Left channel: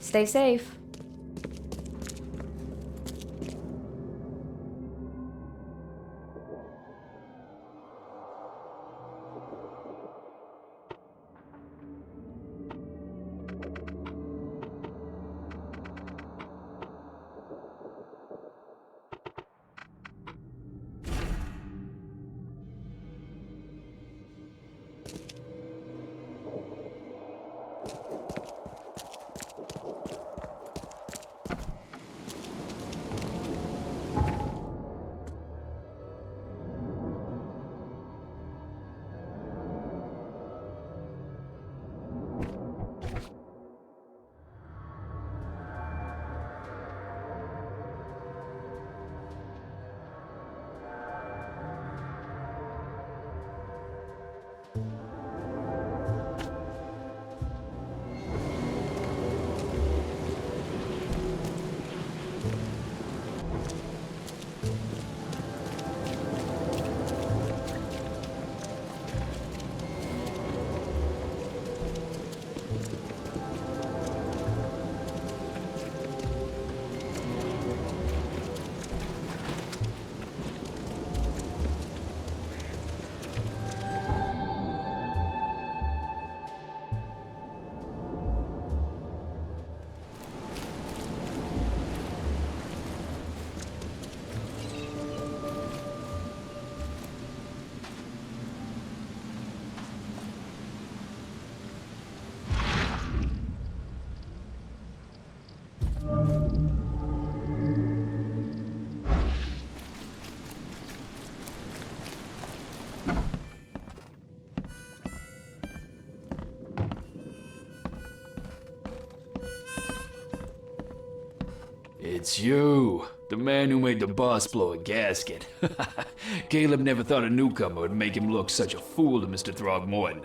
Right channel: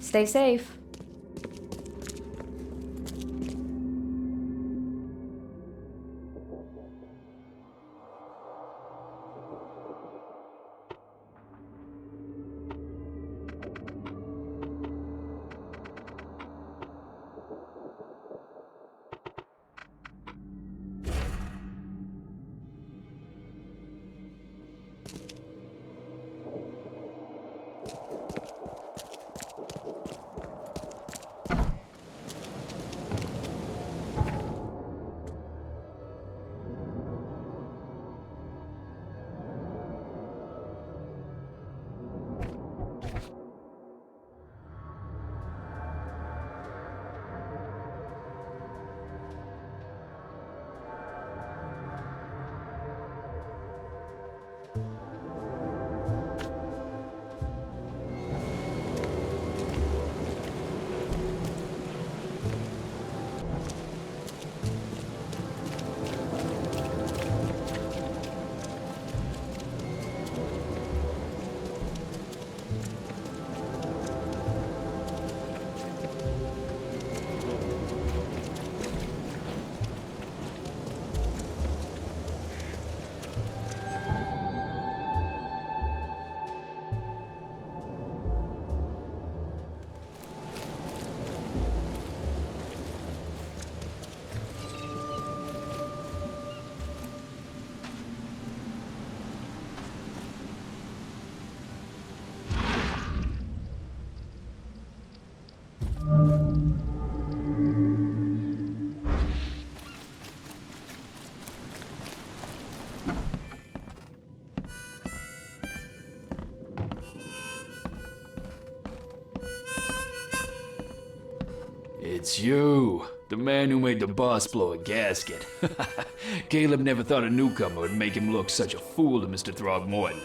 Stay safe. It's you, the man who made the boss blow a gasket. Caleb never thought a newcomer would make him look such a fool to Mr. Throgmorton.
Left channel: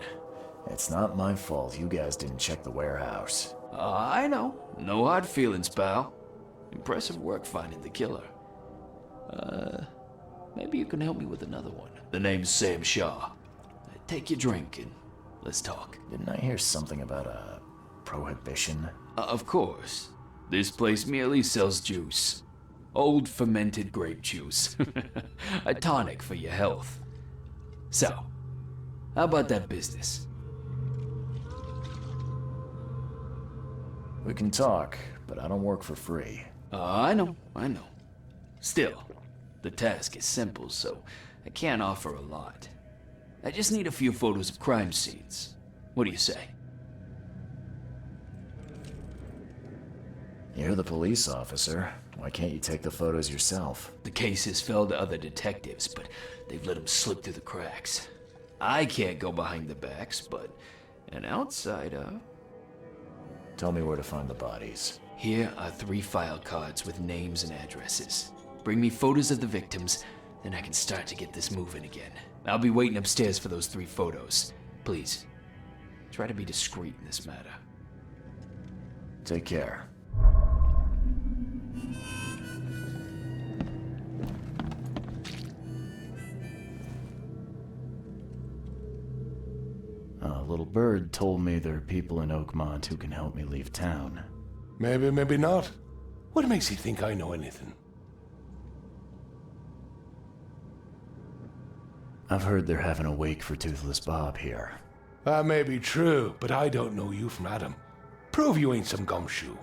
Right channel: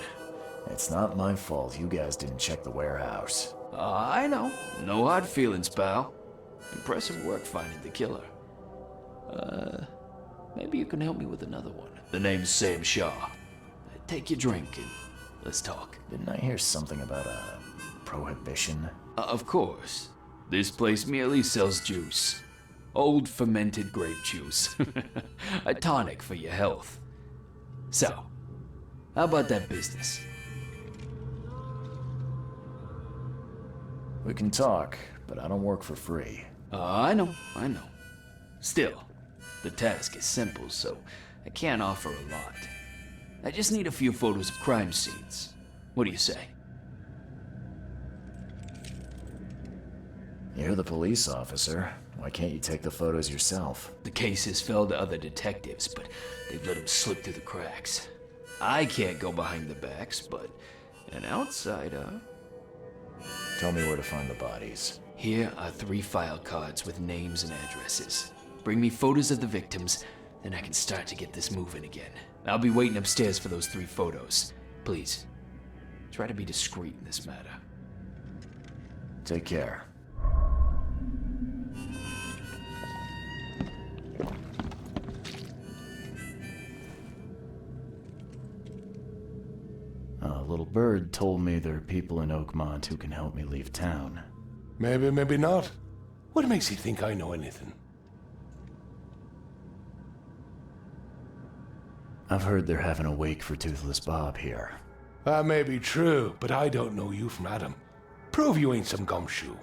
It's not my fault you guys didn't check the warehouse. I know. No hard feelings, pal. Impressive work finding the killer. Maybe you can help me with another one. The name's Sam Shaw. Take your drink and let's talk. Didn't I hear something about a prohibition? Of course. This place merely sells juice. Old fermented grape juice. A tonic for your health. So, how about that business? We can talk, but I don't work for free. I know. Still, the task is simple, so I can't offer a lot. I just need a few photos of crime scenes. What do you say? You're the police officer. Why can't you take the photos yourself? The cases fell to other detectives, but they've let them slip through the cracks. I can't go behind the backs, but an outsider... Tell me where to find the bodies. Here are 3 file cards with names and addresses. Bring me photos of the victims, then I can start to get this moving again. I'll be waiting upstairs for those 3 photos. Please, try to be discreet in this matter. Take care. A little bird told me there are people in Oakmont who can help me leave town. Maybe, maybe not. What makes you think I know anything? I've heard they're having a wake for Toothless Bob here. That may be true, but I don't know you from Adam. Prove you ain't some gumshoe.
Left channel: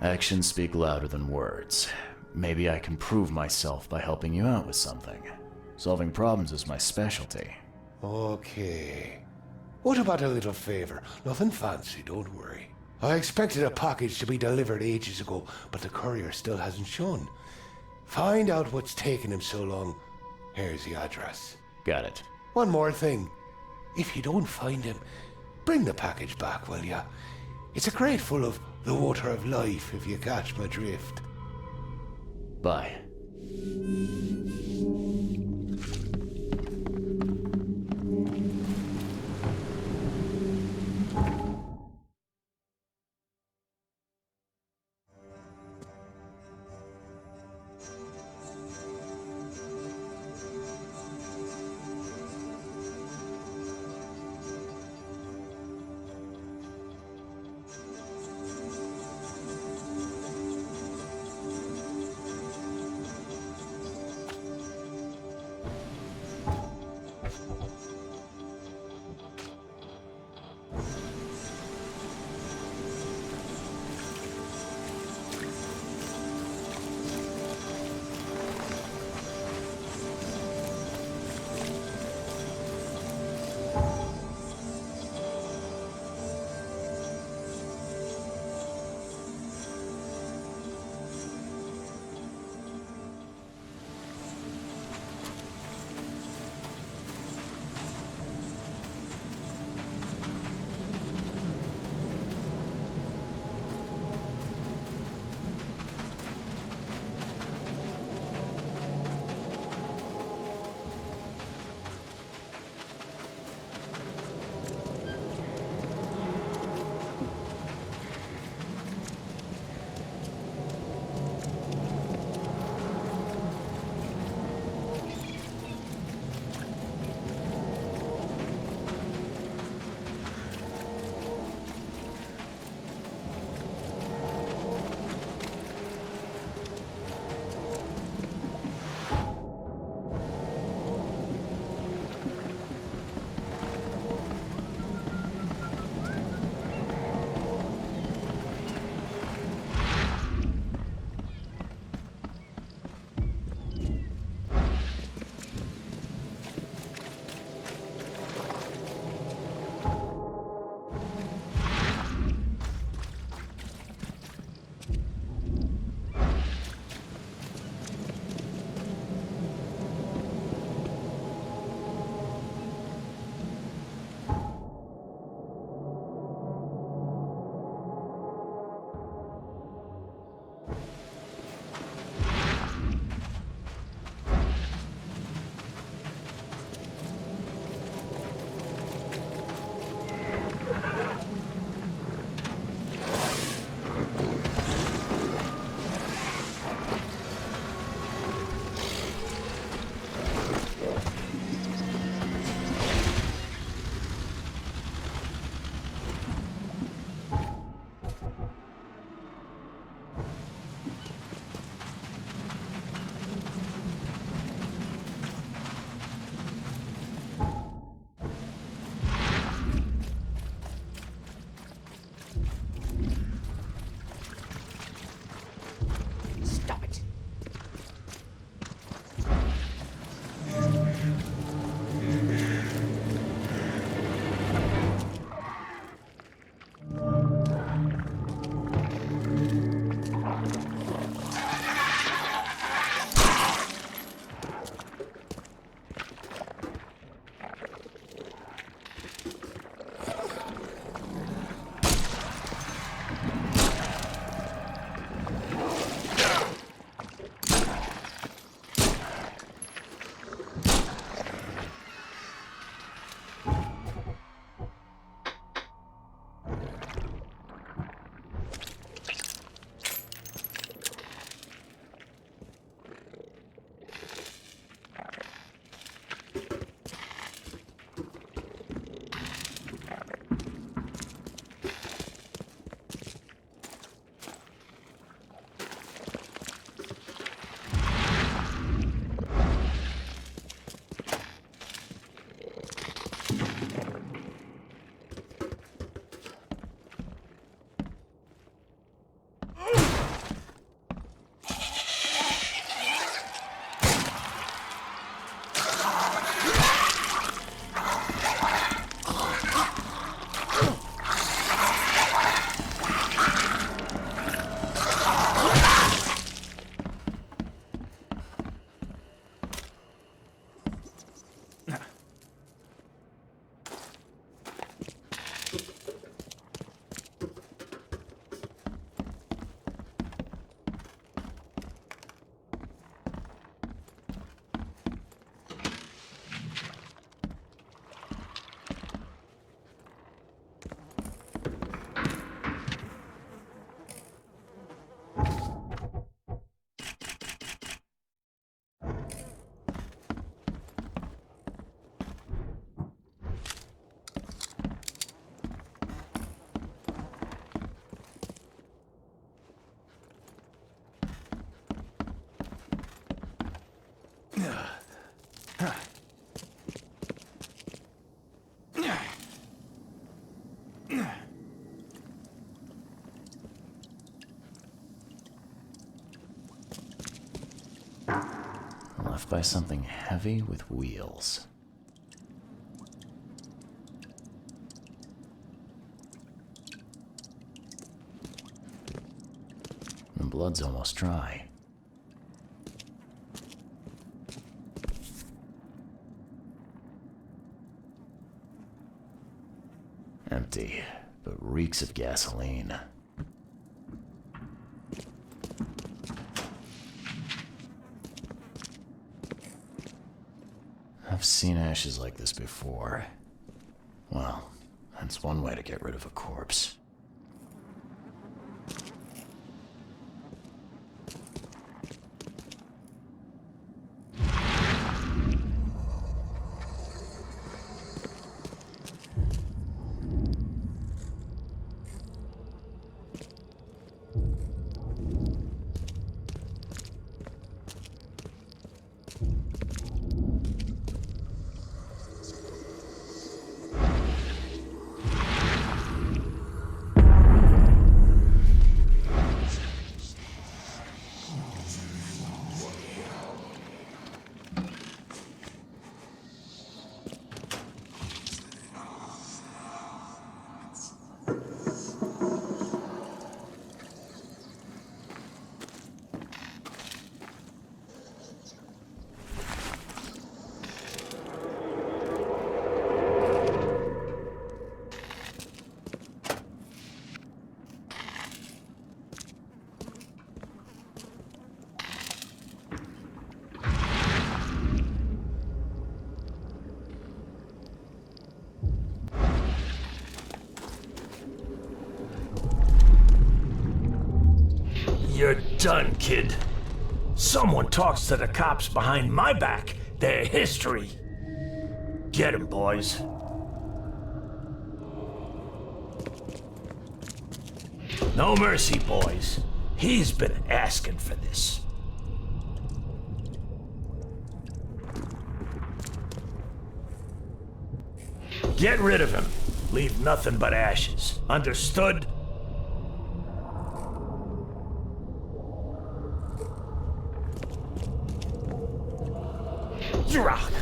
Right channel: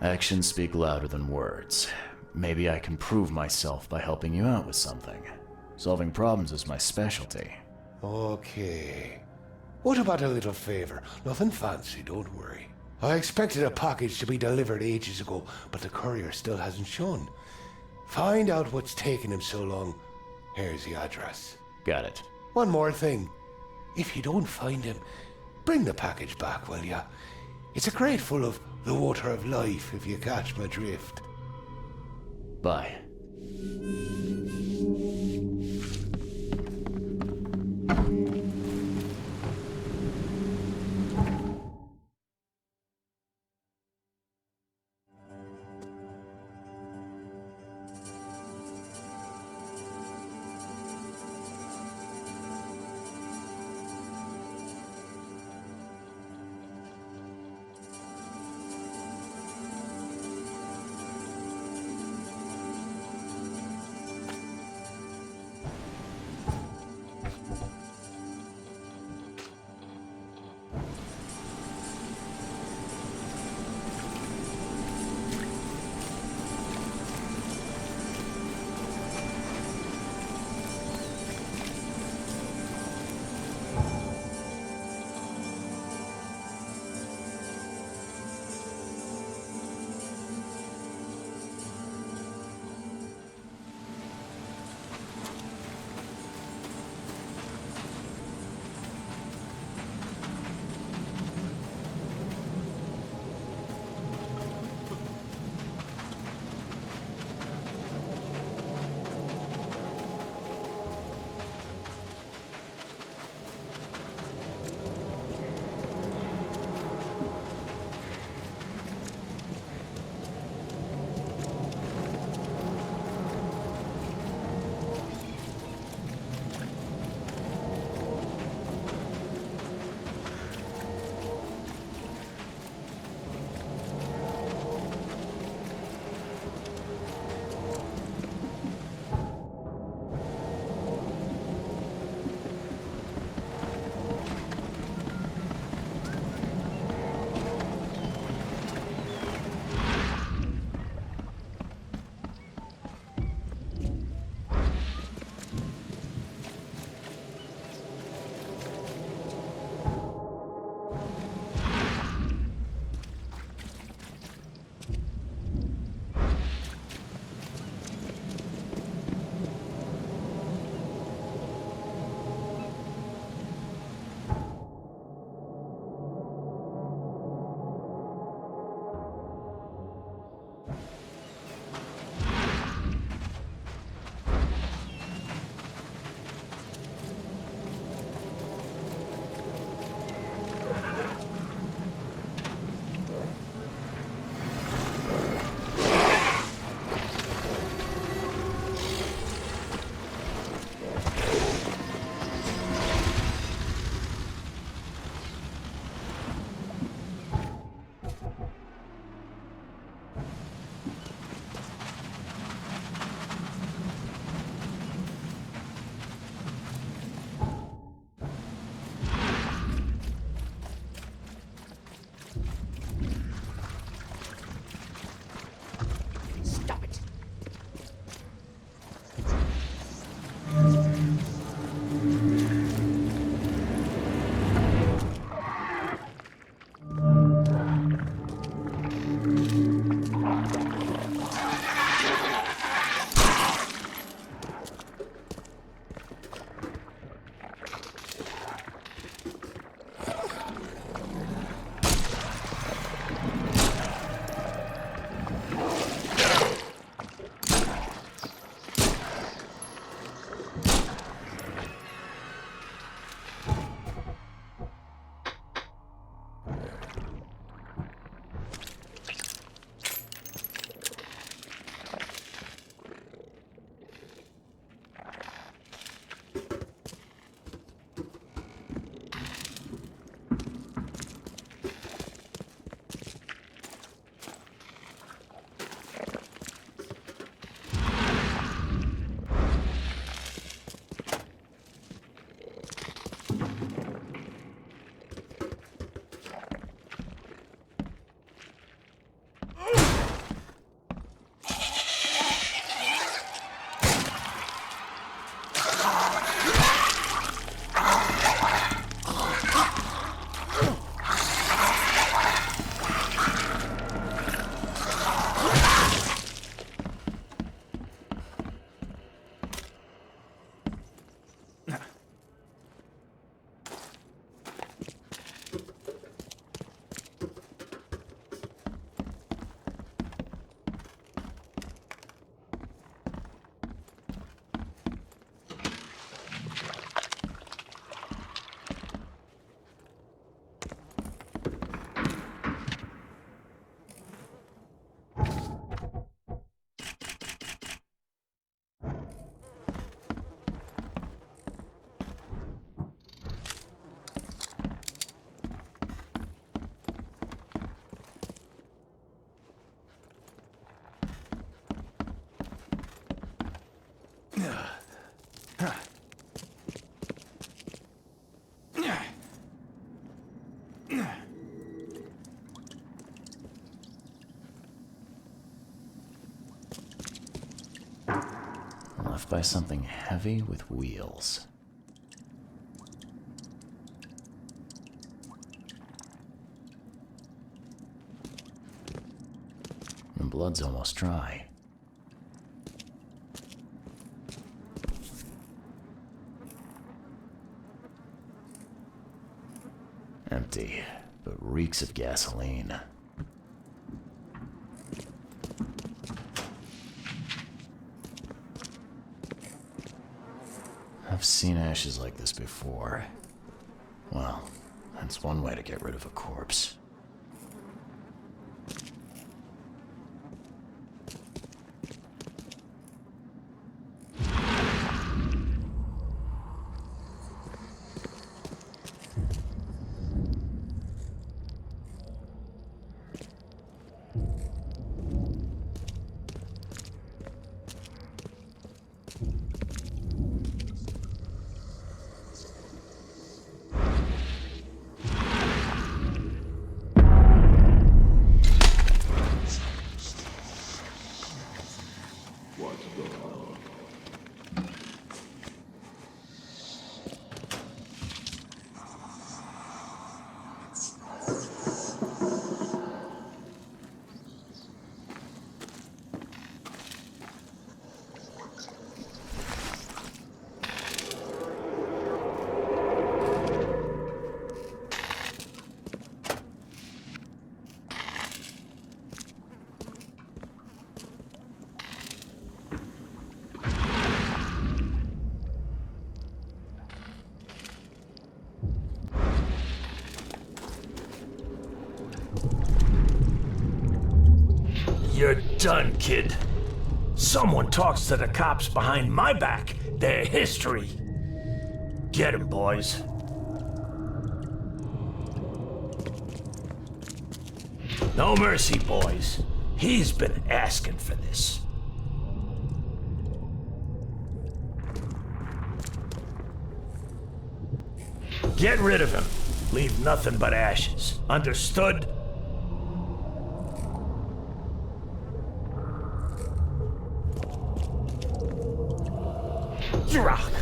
Actions speak louder than words. Maybe I can prove myself by helping you out with something. Solving problems is my specialty. Okay. What about a little favor? Nothing fancy, don't worry. I expected a package to be delivered ages ago, but the courier still hasn't shown. Find out what's taking him so long. Here's the address. Got it. One more thing. If you don't find him, bring the package back, will ya? It's a crate full of the water of life, if you catch my drift. Bye. Left by something heavy with wheels. The blood's almost dry. Empty, but reeks of gasoline. I've seen ashes like this before. Well, that's one way to get rid of a corpse. You're done, kid. Someone talks to the cops behind my back. Their history. Get 'em, boys. No mercy, boys. He's been asking for this. Get rid of him. Leave nothing but ashes. Understood? Rock.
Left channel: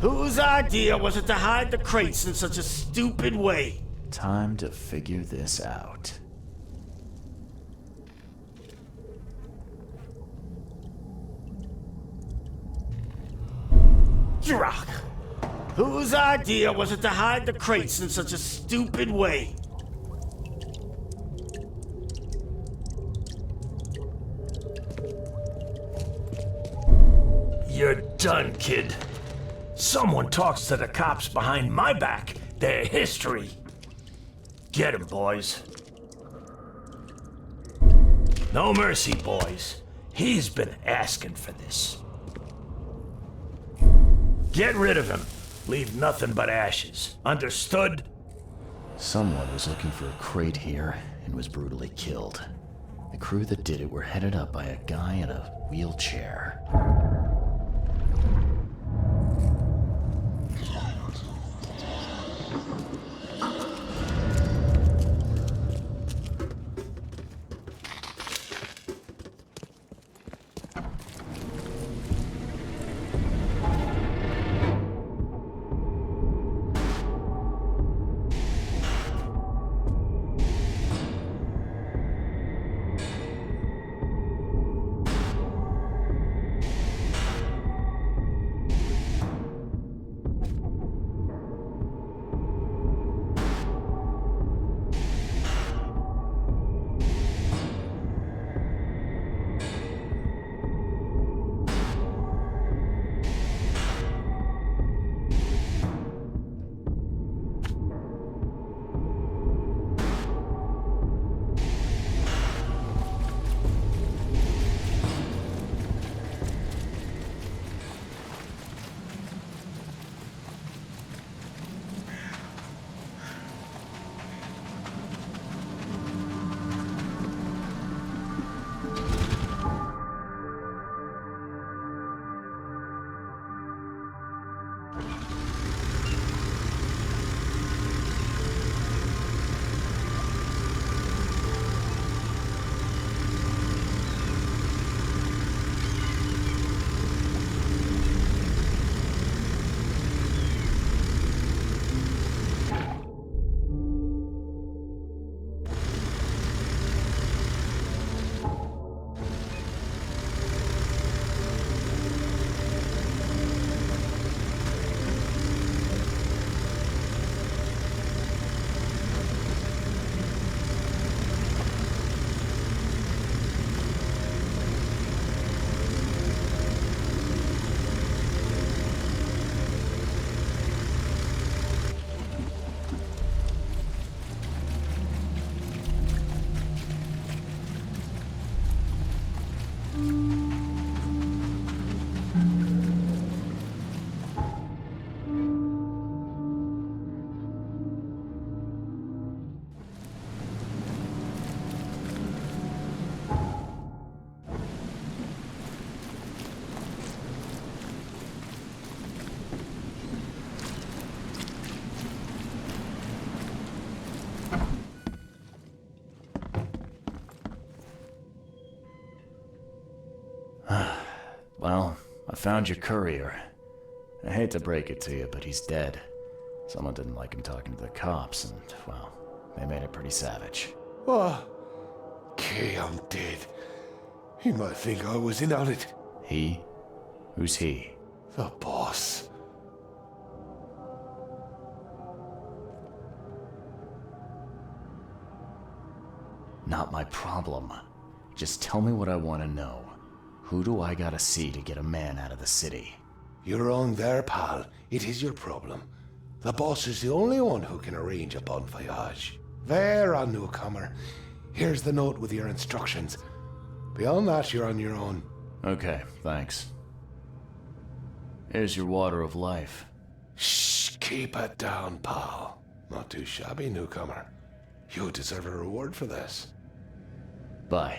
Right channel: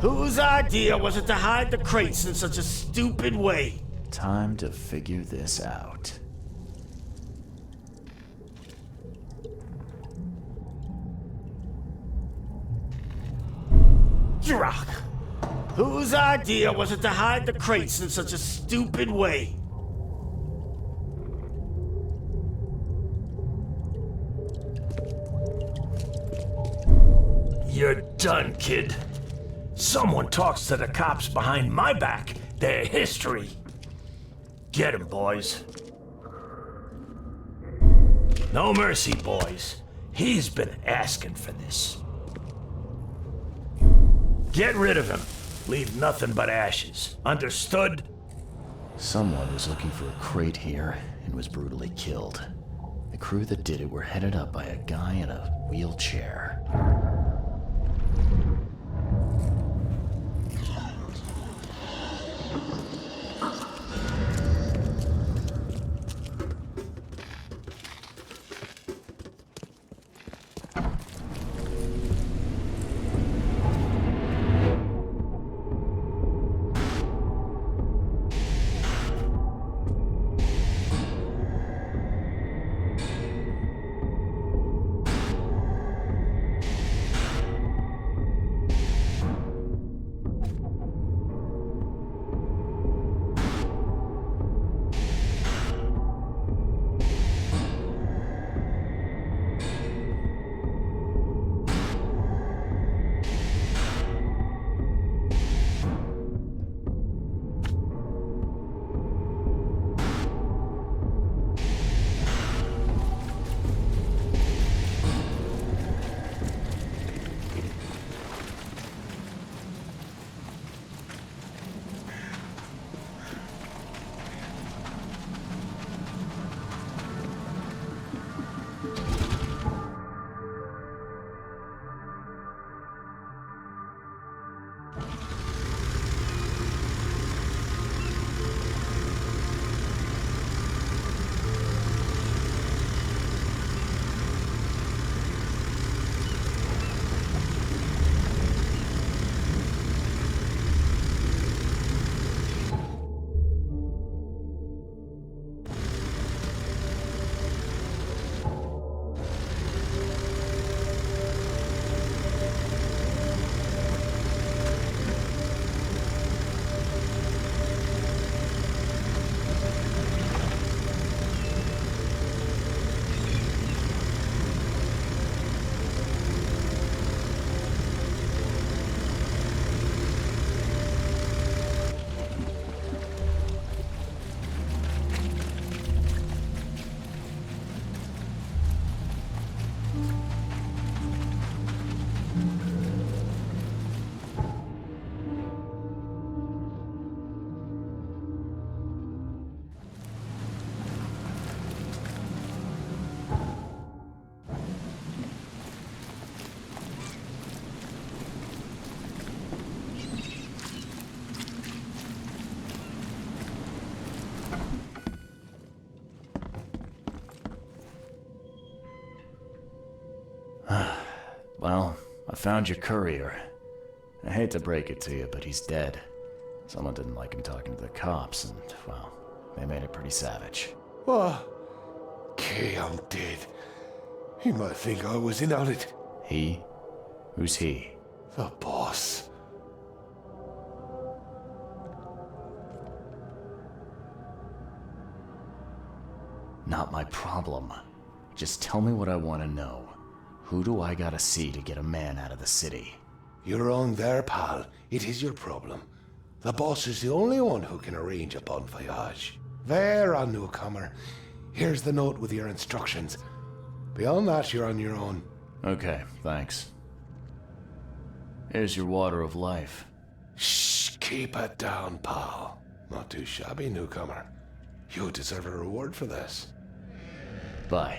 Whose idea was it to hide the crates in such a stupid way? Time to figure this out. Rock. Whose idea was it to hide the crates in such a stupid way? You're done, kid. Someone talks to the cops behind my back. Their history. Get 'em, boys. No mercy, boys. He's been asking for this. Get rid of him. Leave nothing but ashes. Understood? Someone was looking for a crate here and was brutally killed. The crew that did it were headed up by a guy in a wheelchair. found your courier. I hate to break it to you, but he's dead. Someone didn't like him talking to the cops, and, well, they made it pretty savage. What? Okay, I'm dead. He might think I was in on it. He? Who's he? The boss. Not my problem. Just tell me what I want to know. Who do I gotta see to get a man out of the city? You're wrong there, pal. It is your problem. The boss is the only one who can arrange a bon voyage. There, on newcomer. Here's the note with your instructions. Beyond that, you're on your own. Okay, thanks. Here's your water of life. Shh, keep it down, pal. Not too shabby, newcomer. You deserve a reward for this. Bye.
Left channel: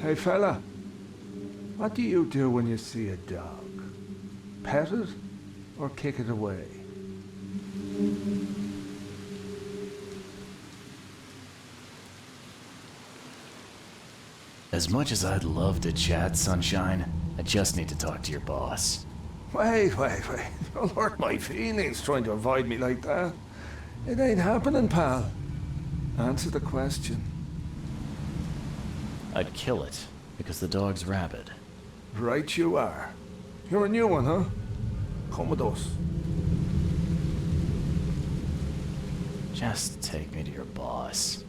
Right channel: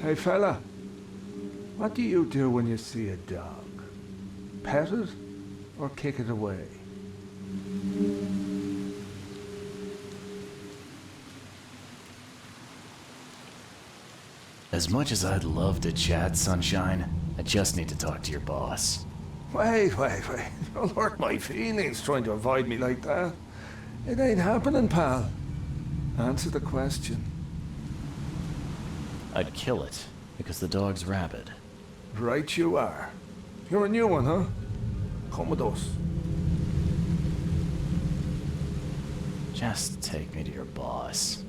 Hey fella, what do you do when you see a dog? Pet it or kick it away? As much as I'd love to chat, Sunshine, I just need to talk to your boss. Wait. Don't hurt my feelings trying to avoid me like that. It ain't happening, pal. Answer the question. I'd kill it, because the dog's rabid. Right you are. You're a new one, huh? Come with us. Just take me to your boss.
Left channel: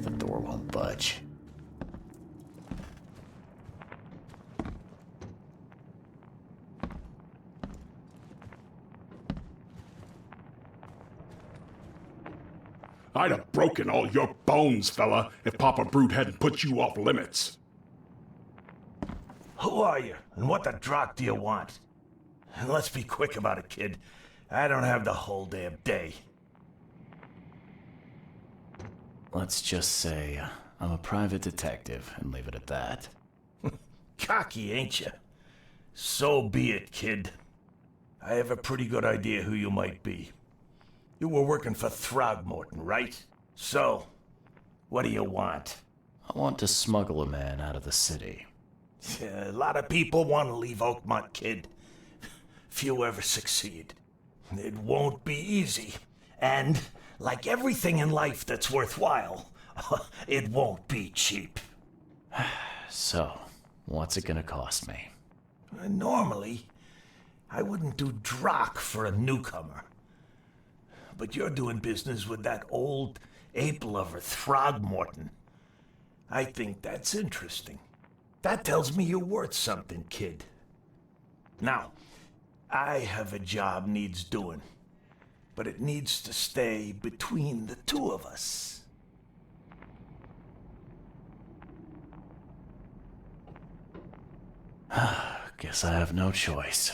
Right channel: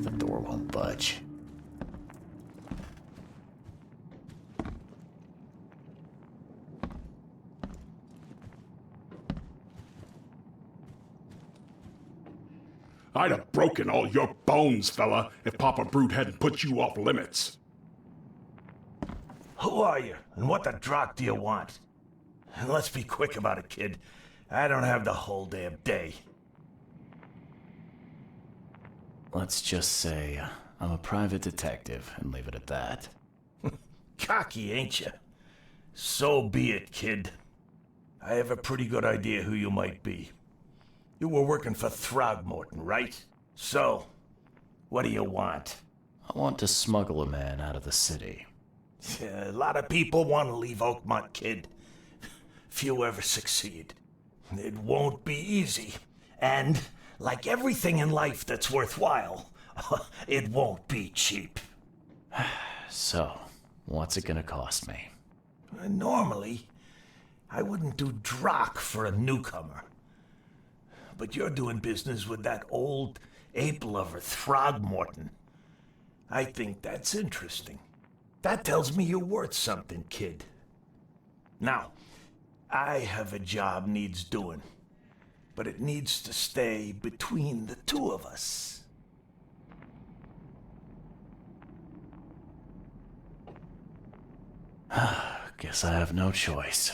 The door won't budge. I'd have broken all your bones, fella, if Papa Brute hadn't put you off limits. Who are you, and what the drock do you want? And let's be quick about it, kid. I don't have the whole damn day. Let's just say I'm a private detective and leave it at that. Cocky, ain't you? So be it, kid. I have a pretty good idea who you might be. You were working for Throgmorton, right? So, what do you want? I want to smuggle a man out of the city. A lot of people want to leave Oakmont, kid. Few ever succeed. It won't be easy. And, like everything in life that's worthwhile, it won't be cheap. So, what's it gonna cost me? Normally, I wouldn't do drock for a newcomer. But you're doing business with that old ape lover Throgmorton. I think that's interesting. That tells me you're worth something, kid. Now, I have a job needs doing, but it needs to stay between the two of us. Guess I have no choice.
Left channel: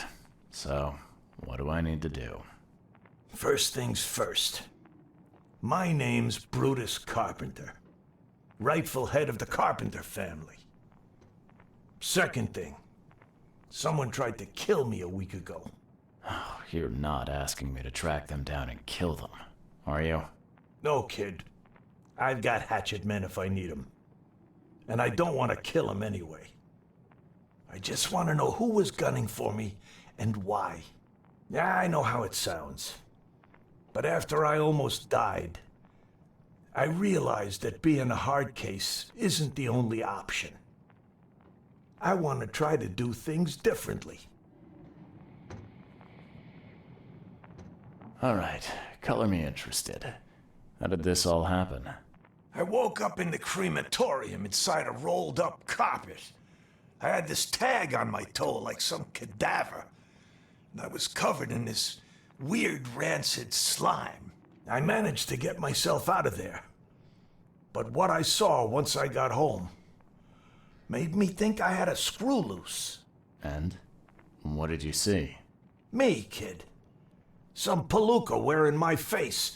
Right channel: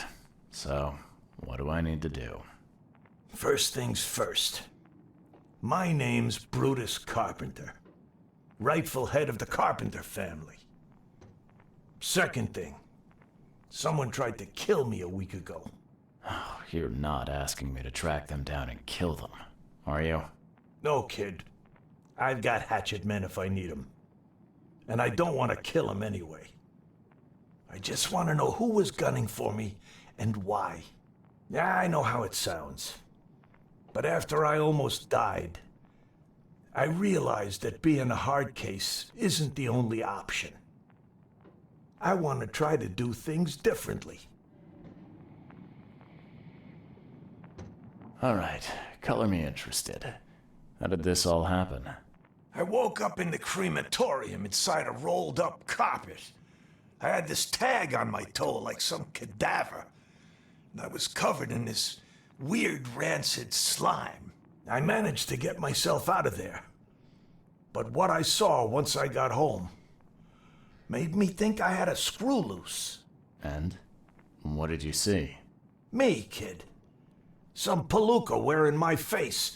So, what do I need to do? First things first. My name's Brutus Carpenter, rightful head of the Carpenter family. Second thing, someone tried to kill me a week ago. Oh, you're not asking me to track them down and kill them, are you? No, kid. I've got hatchet men if I need them. And I don't want to kill them anyway. I just want to know who was gunning for me and why. Yeah, I know how it sounds. But after I almost died, I realized that being a hard case isn't the only option. I want to try to do things differently. Alright, color me interested. How did this all happen? I woke up in the crematorium inside a rolled-up carpet. I had this tag on my toe like some cadaver, and I was covered in this weird rancid slime. I managed to get myself out of there. But what I saw once I got home made me think I had a screw loose. And? What did you see? Me, kid. Some palooka wearing my face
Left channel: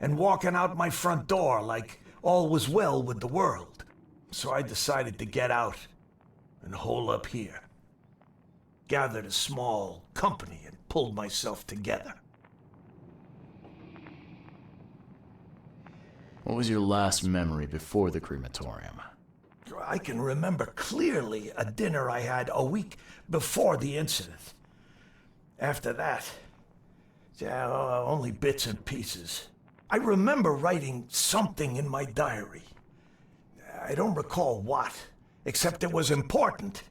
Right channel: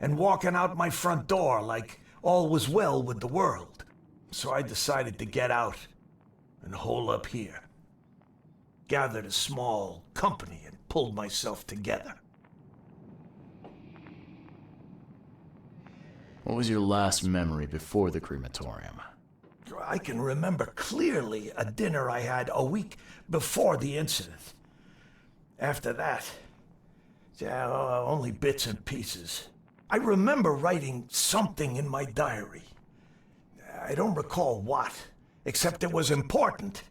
and walking out my front door like all was well with the world. So I decided to get out and hole up here. Gathered a small company and pulled myself together. What was your last memory before the crematorium? I can remember clearly a dinner I had a week before the incident. After that, yeah, only bits and pieces. I remember writing something in my diary. I don't recall what, except it was important.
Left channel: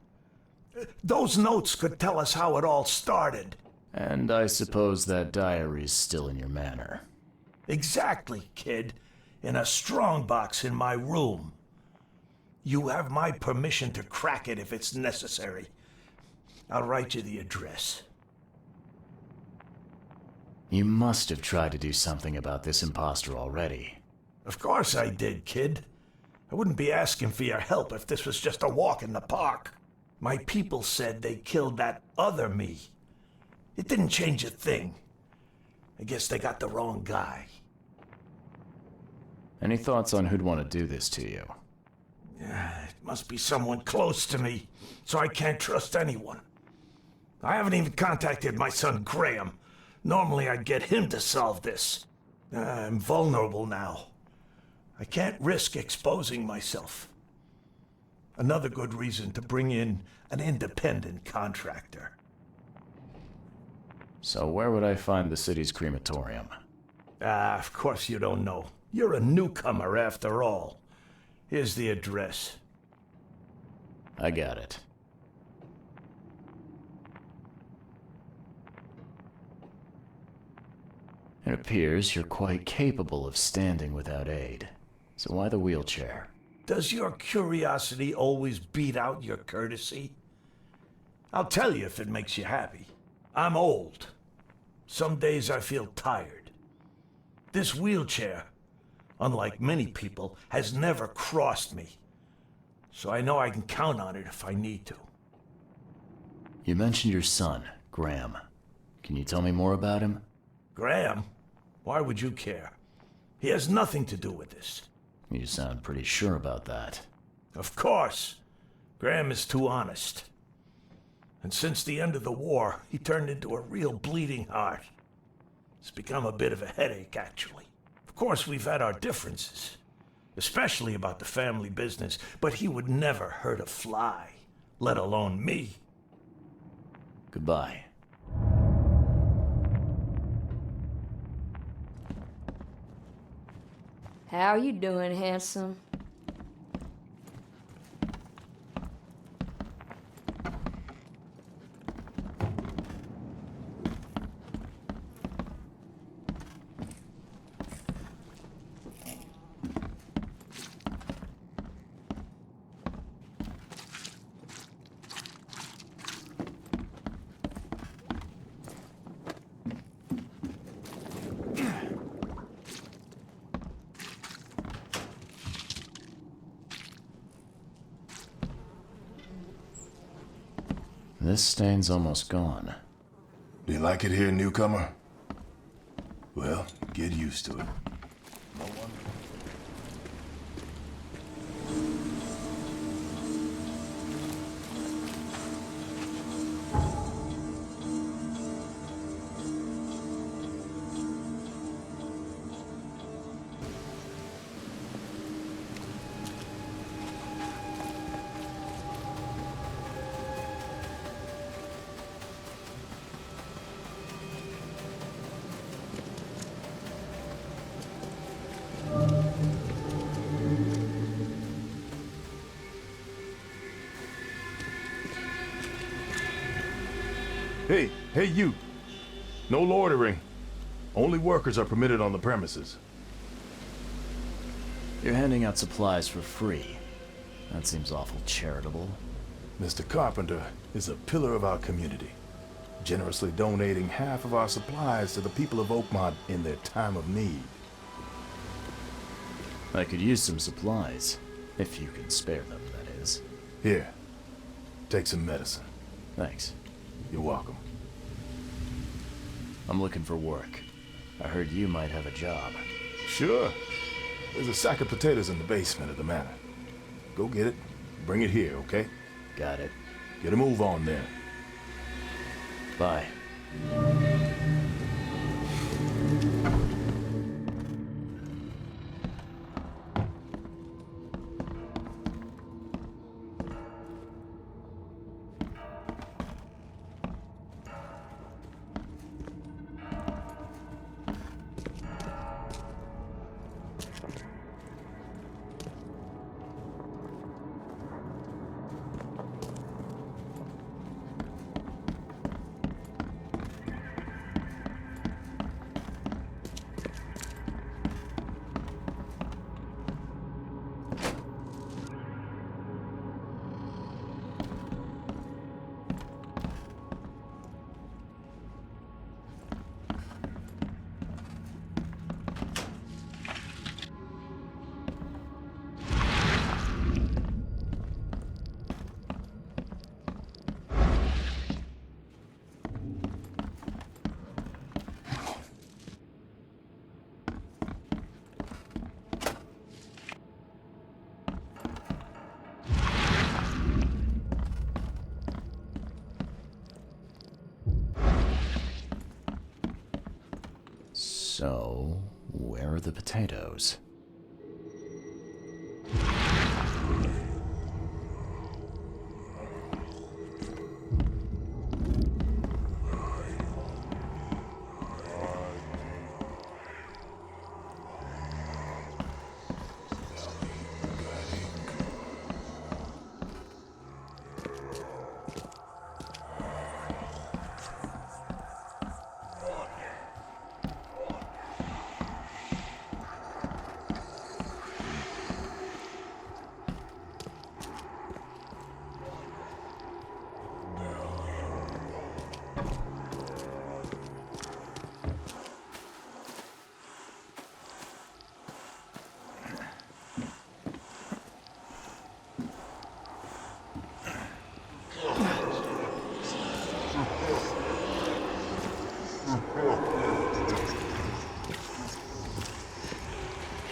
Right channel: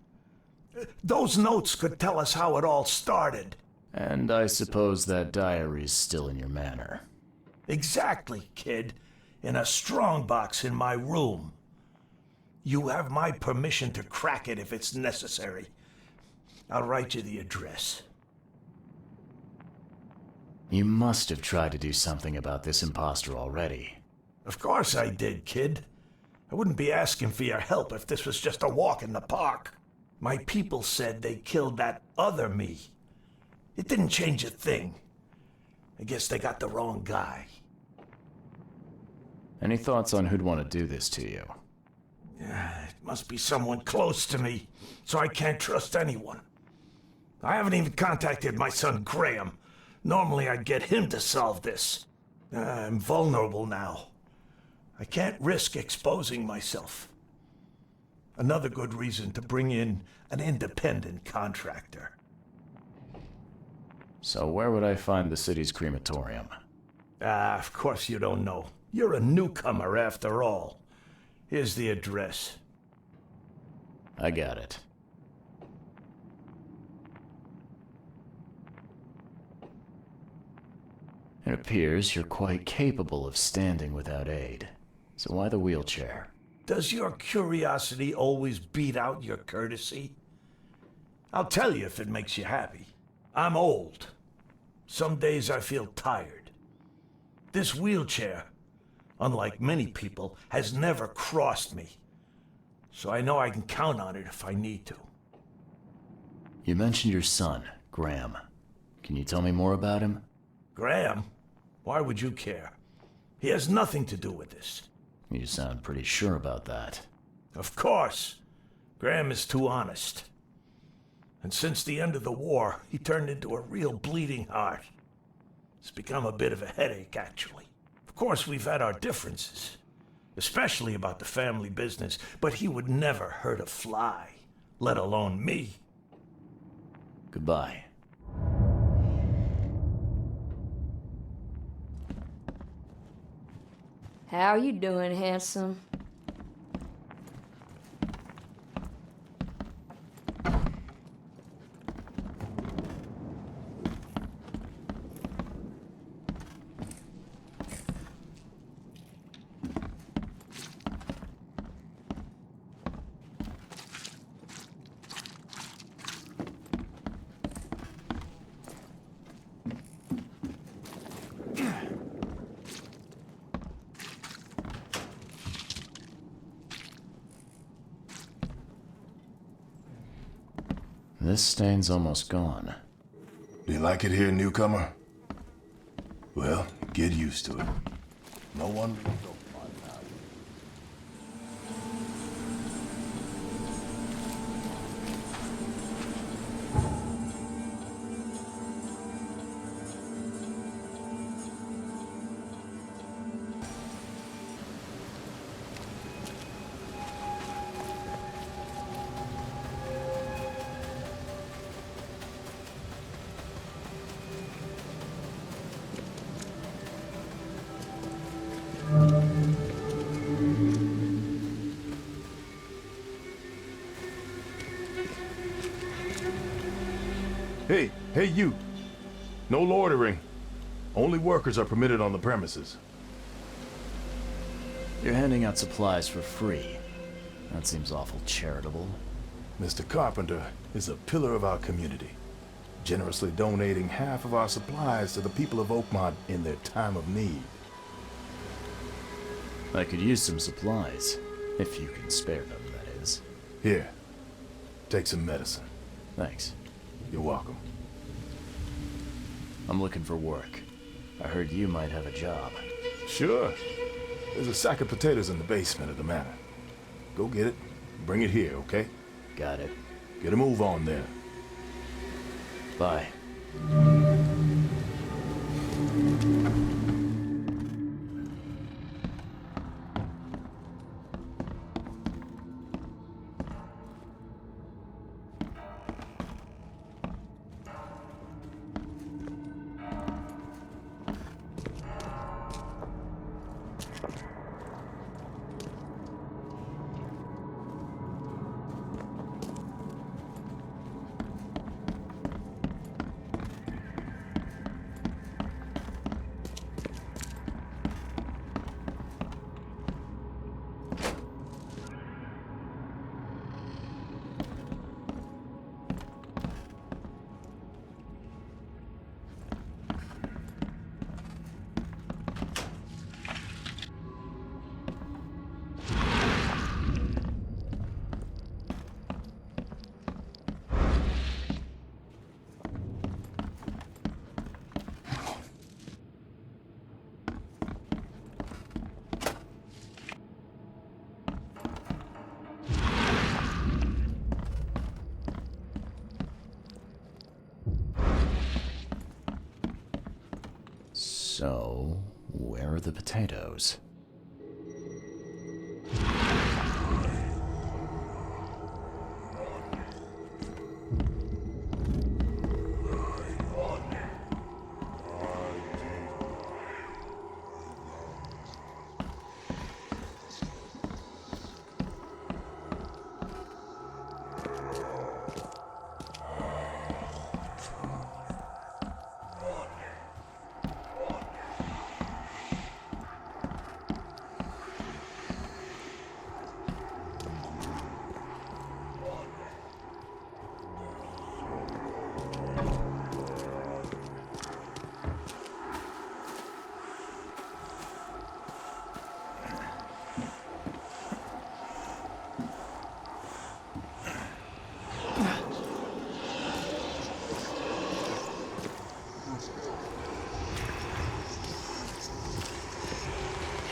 Those notes could tell us how it all started. And I suppose that diary's still in your manor. Exactly, kid. In a strongbox in my room. You have my permission to crack it if it's necessary. I'll write you the address. You must have tried to do something about this imposter already. Of course I did, kid. I wouldn't be asking for your help if this was just a walk in the park. My people said they killed that other me. It didn't change a thing. I guess they got the wrong guy. Any thoughts on who'd want to do this to you? It must be someone close to me, so I can't trust anyone. I haven't even contacted my son Graham. Normally I'd get him to solve this. I'm vulnerable now. I can't risk exposing myself. Another good reason to bring in an independent contractor. So where would I find the city's crematorium? Of course you don't know. You're a newcomer after all. Here's the address. I got it. It appears you're quite capable of standing without aid. So why the wheelchair? Does your curiosity always beat out your courtesy? I'll tell you if it makes you happy. I'm old. Some days I feel tired. This wheelchair, unlike many people, has never crossed me. So I know I can count on it if I need to. You mentioned your son, Graham. Can you tell me more about him? Graham? Why would you care? He has nothing to do with this. You sound pretty sure about that. Of course. Graham is too honest. And since the end of the war, he turned into a real bleeding heart. It's become a bit of a headache, actually. Of course, we've had our differences, especially about the family business, but he would never hurt a fly, let alone me. Goodbye. How you doing, handsome? This stain's almost gone. Do you like it here, newcomer? Well, get used to it. No one... Hey you! No loitering. Only workers are permitted on the premises. You're handing out supplies for free. That seems awful charitable. Mr. Carpenter is a pillar of our community, generously donating half of our supplies to the people of Oakmont in their time of need. I could use some supplies, if you can spare them, that is. Here, take some medicine. Thanks. You're welcome. I'm looking for work. I heard you might have a job. Sure. There's a sack of potatoes in the basement of the manor. Go get it. Bring it here, okay? Got it. Get a move on there. Bye. So, where are the potatoes?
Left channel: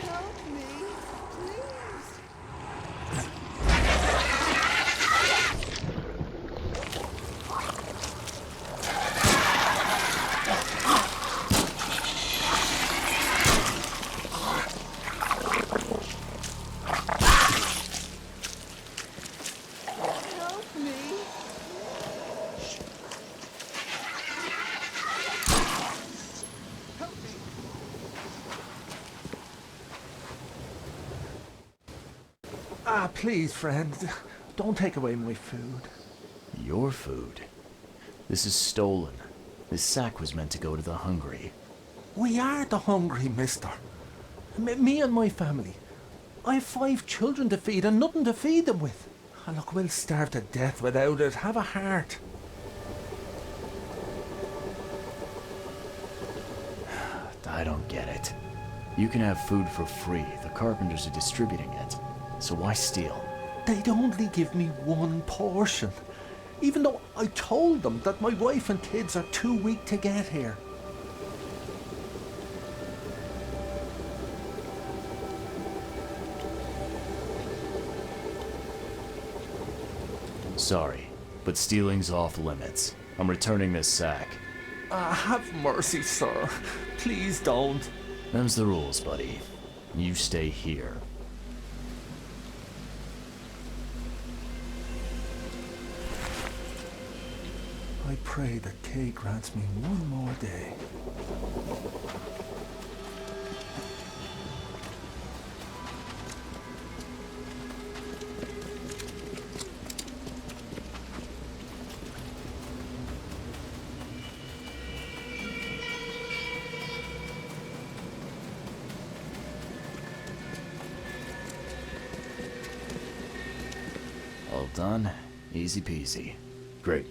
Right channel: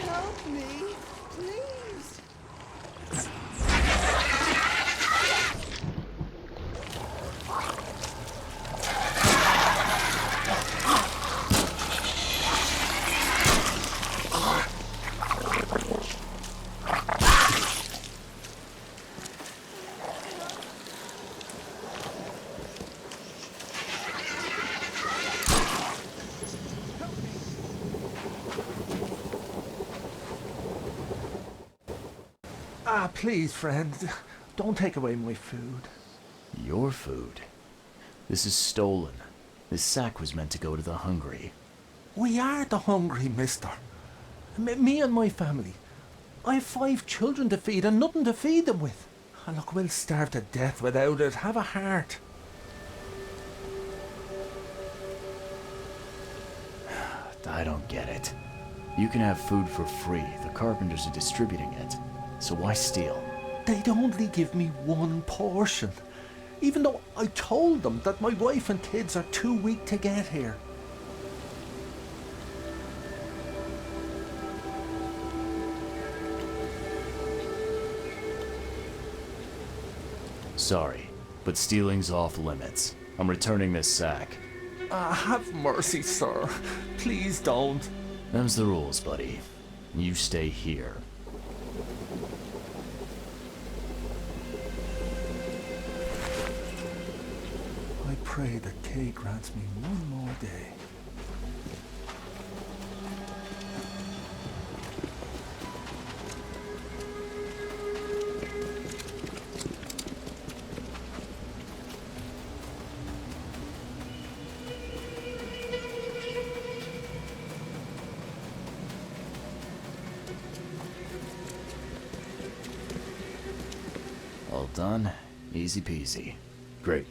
Help me, please. Help me. Help me. Ah, please, friend. Don't take away my food. Your food? This is stolen. This sack was meant to go to the hungry. We are the hungry, mister. Me and my family. I have 5 children to feed and nothing to feed them with. And look, we'll starve to death without it. Have a heart. I don't get it. You can have food for free. The carpenters are distributing it. So why steal? They'd only give me 1 portion. even though I told them that my wife and kids are too weak to get here. Sorry, but stealing's off limits. I'm returning this sack. Have mercy, sir. Please don't. Them's the rules, buddy. You stay here. I pray that Kay grants me one more day. All done. Easy peasy. Great.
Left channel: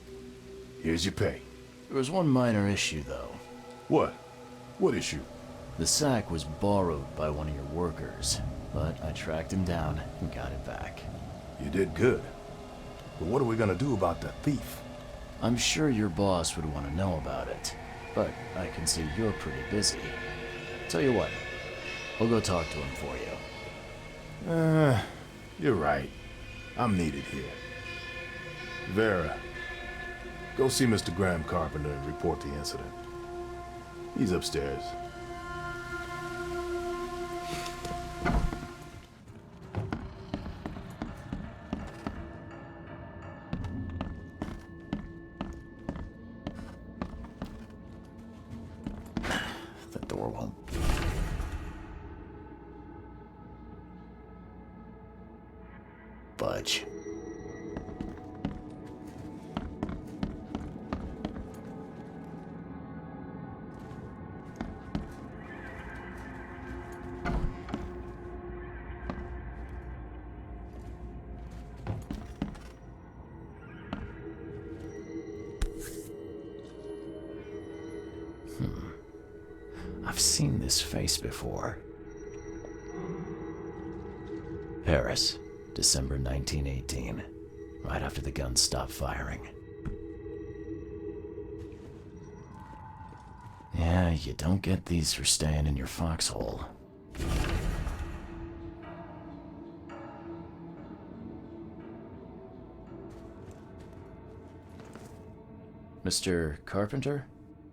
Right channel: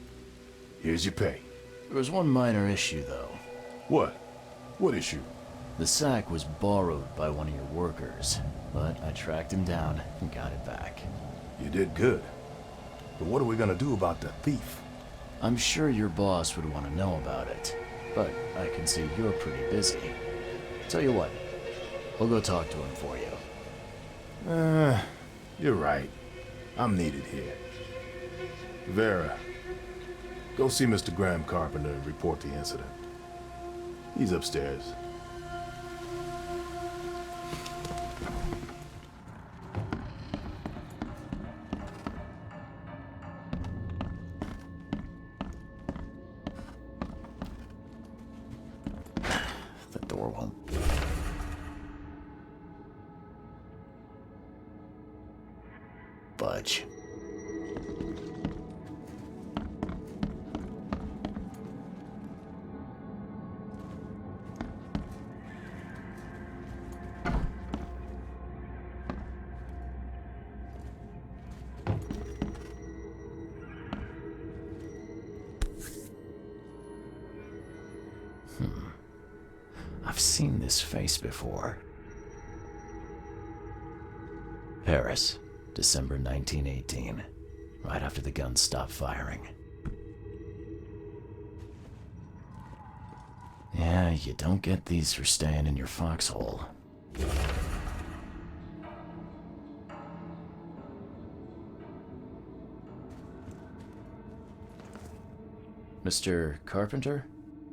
Here's your pay. There was one minor issue, though. What? What issue? The sack was borrowed by one of your workers, but I tracked him down and got it back. You did good. But what are we gonna do about the thief? I'm sure your boss would want to know about it, but I can see you're pretty busy. Tell you what, I'll go talk to him for you. You're right. I'm needed here. Vera, go see Mr. Graham Carpenter and report the incident. He's upstairs. The door won't. Budge. I've seen this face before. Paris, December 1918, right after the guns stopped firing. Yeah, you don't get these for staying in your foxhole. Mr. Carpenter?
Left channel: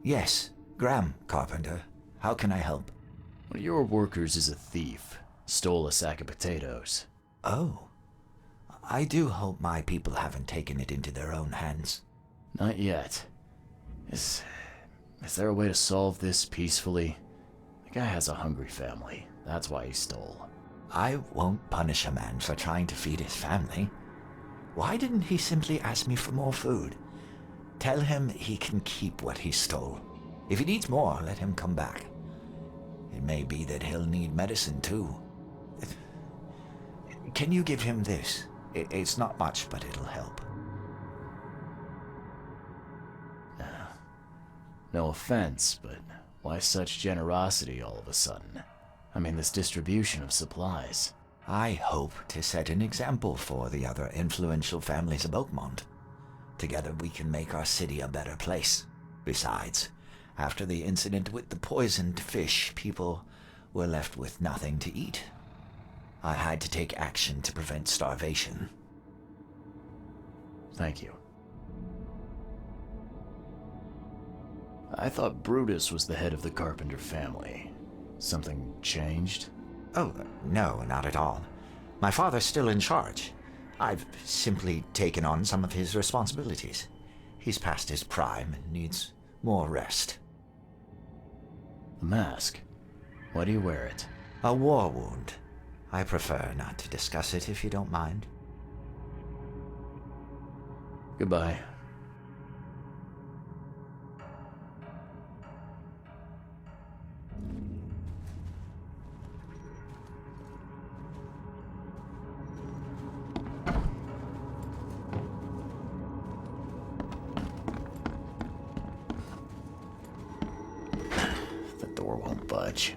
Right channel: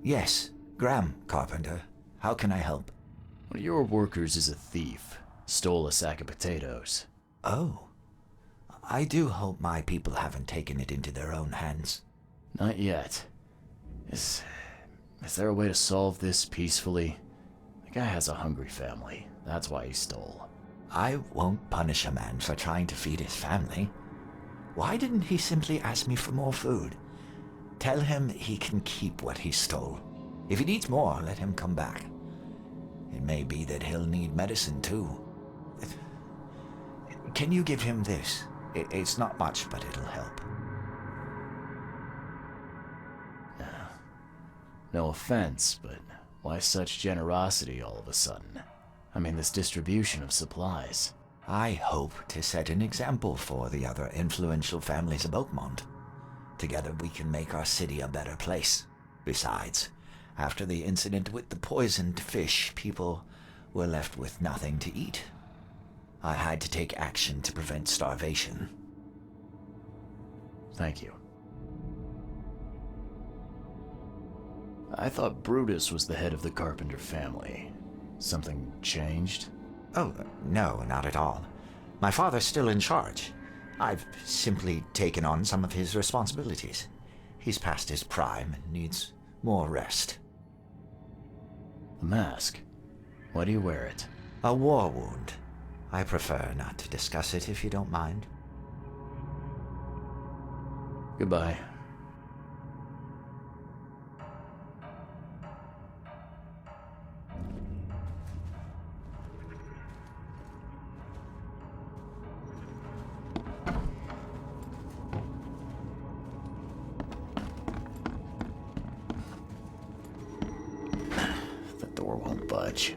Yes, Graham Carpenter. How can I help? One of your workers is a thief. Stole a sack of potatoes. Oh. I do hope my people haven't taken it into their own hands. Not yet. Is there a way to solve this peacefully? The guy has a hungry family. That's why he stole. I won't punish a man for trying to feed his family. Why didn't he simply ask me for more food? Tell him he can keep what he stole. If he needs more, let him come back. It may be that he'll need medicine too. Can you give him this? It's not much, but it'll help. No offense, but why such generosity all of a sudden? I mean, this distribution of supplies. I hope to set an example for the other influential families of Oakmont. Together we can make our city a better place. Besides, after the incident with the poisoned fish, people were left with nothing to eat. I had to take action to prevent starvation. Thank you. I thought Brutus was the head of the Carpenter family. Something changed? Oh, no, not at all. My father's still in charge. I've simply taken on some of his responsibilities. He's past his prime and needs more rest. The mask. Why do you wear it? A war wound. I prefer not to discuss it if you don't mind. Goodbye. The door won't budge.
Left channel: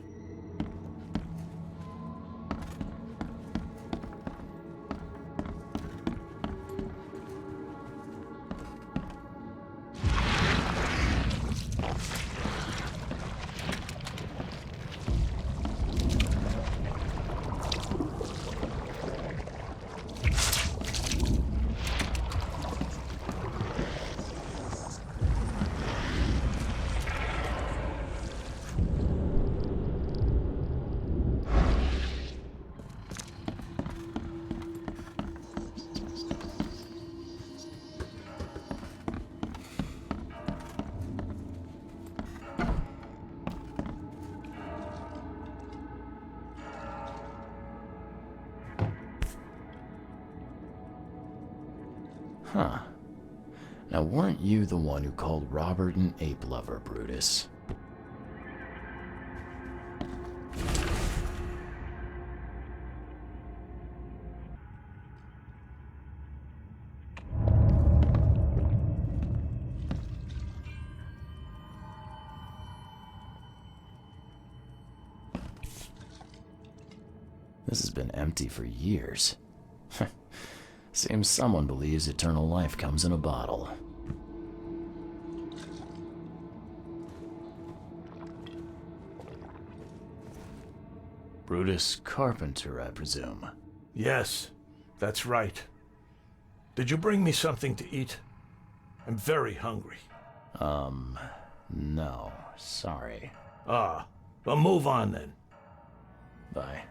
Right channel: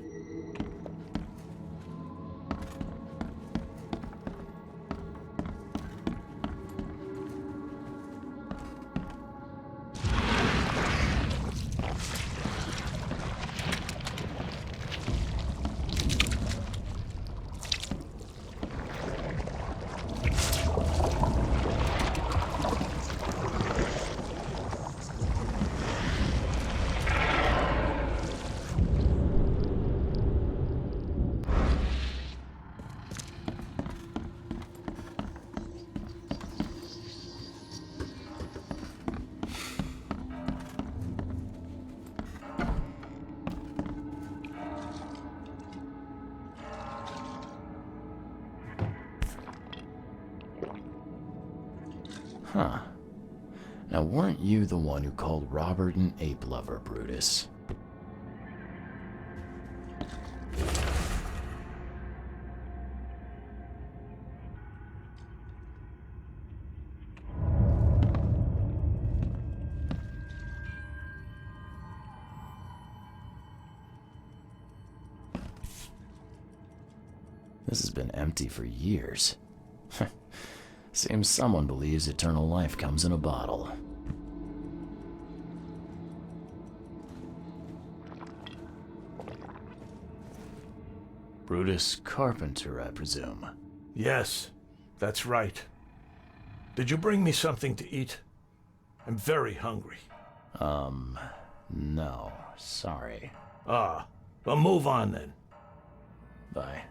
Huh. Now, weren't you the one who called Robert an ape lover, Brutus? This has been empty for years. Seems someone believes eternal life comes in a bottle. Brutus Carpenter, I presume. Yes, that's right. Did you bring me something to eat? I'm very hungry. No, sorry. Ah, well, move on then. Bye.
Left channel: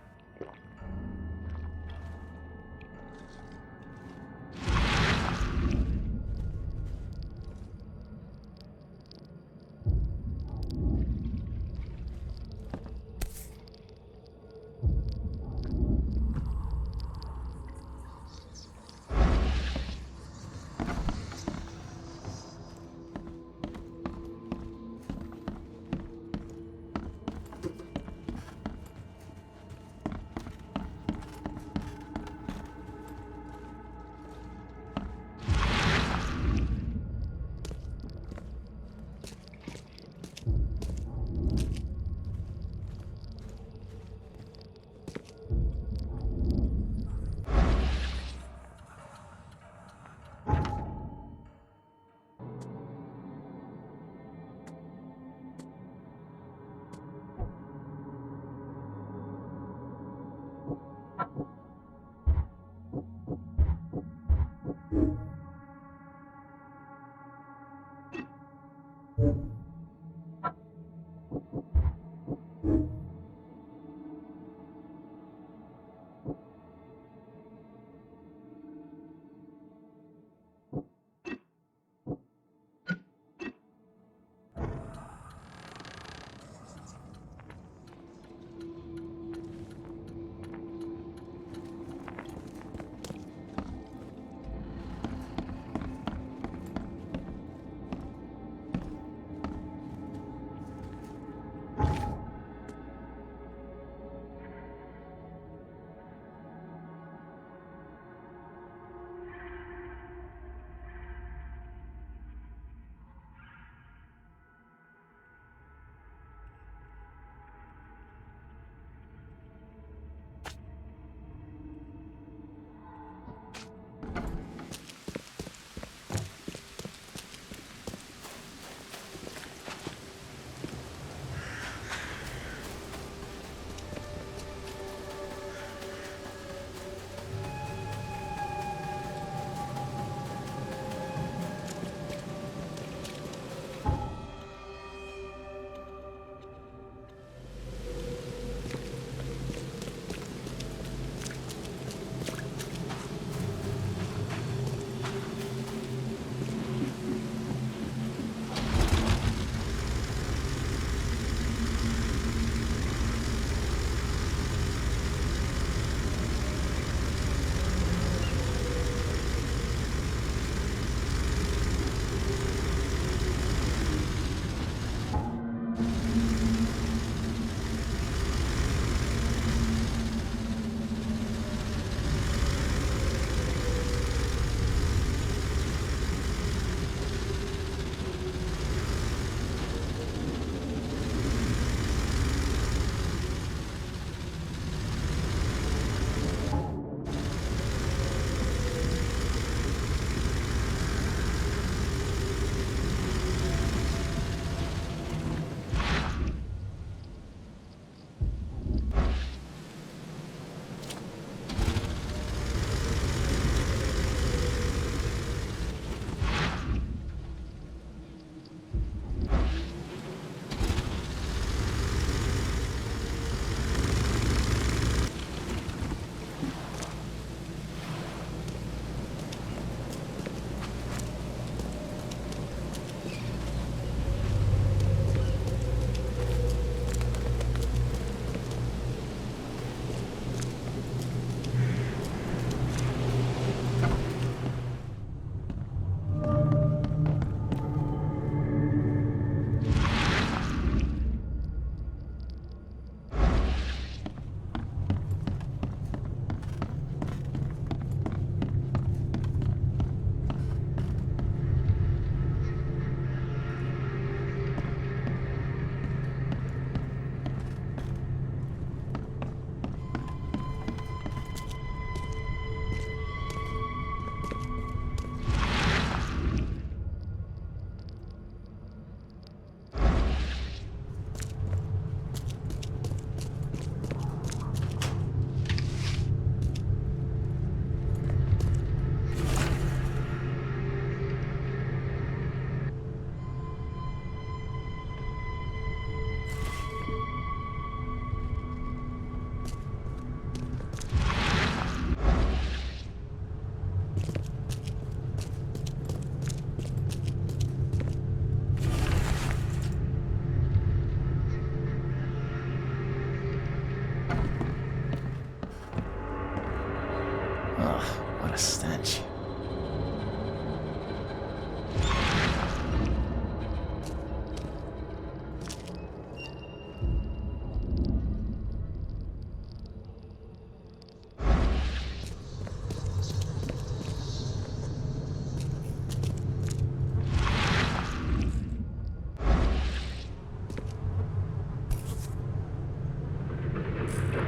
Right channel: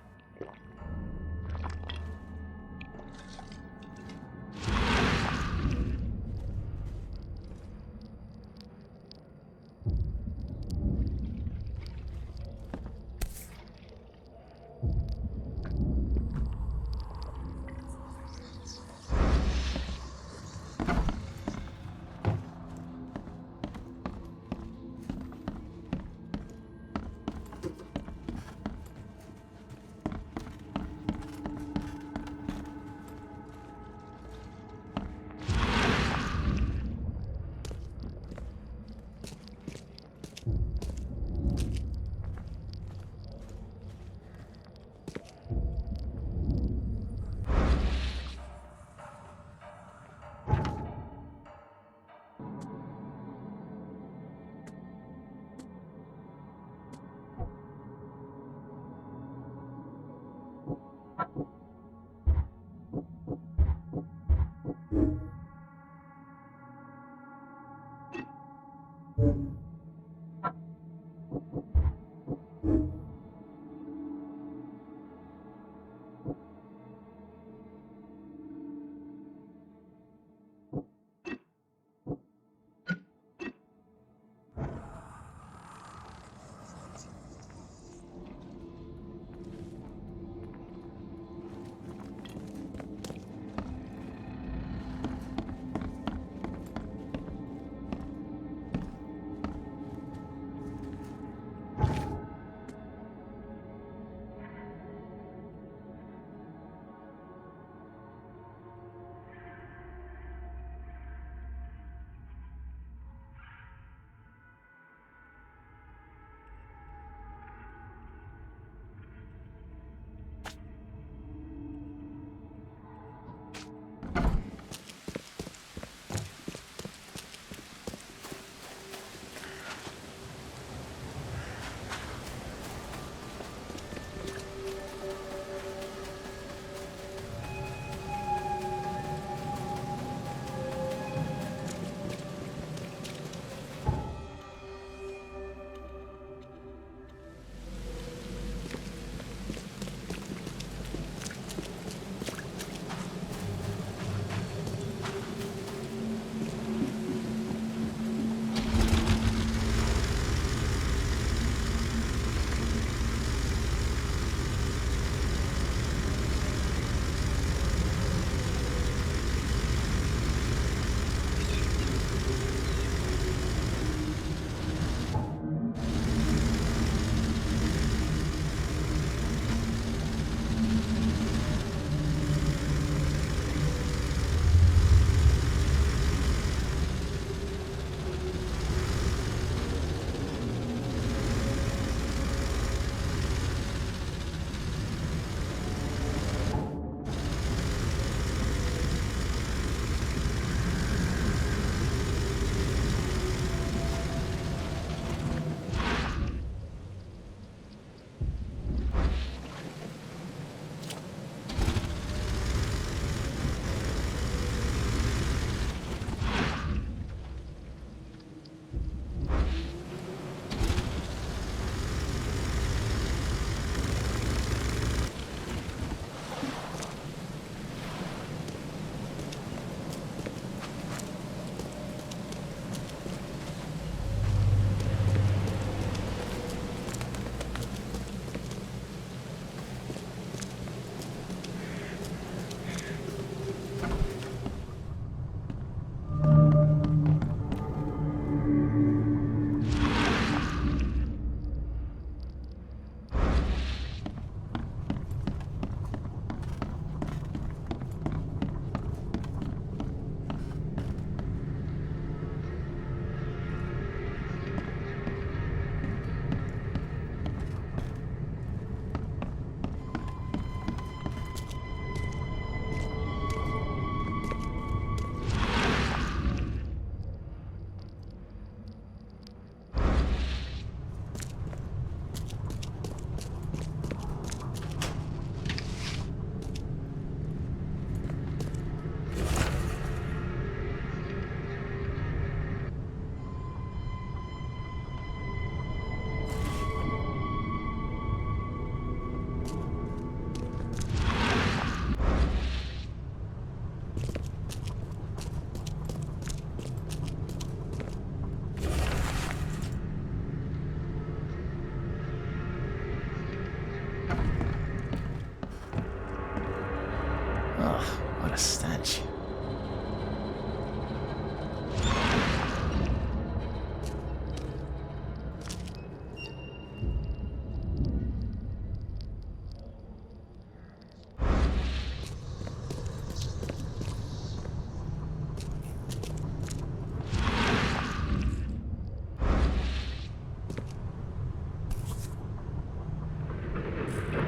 Ugh, what a stench.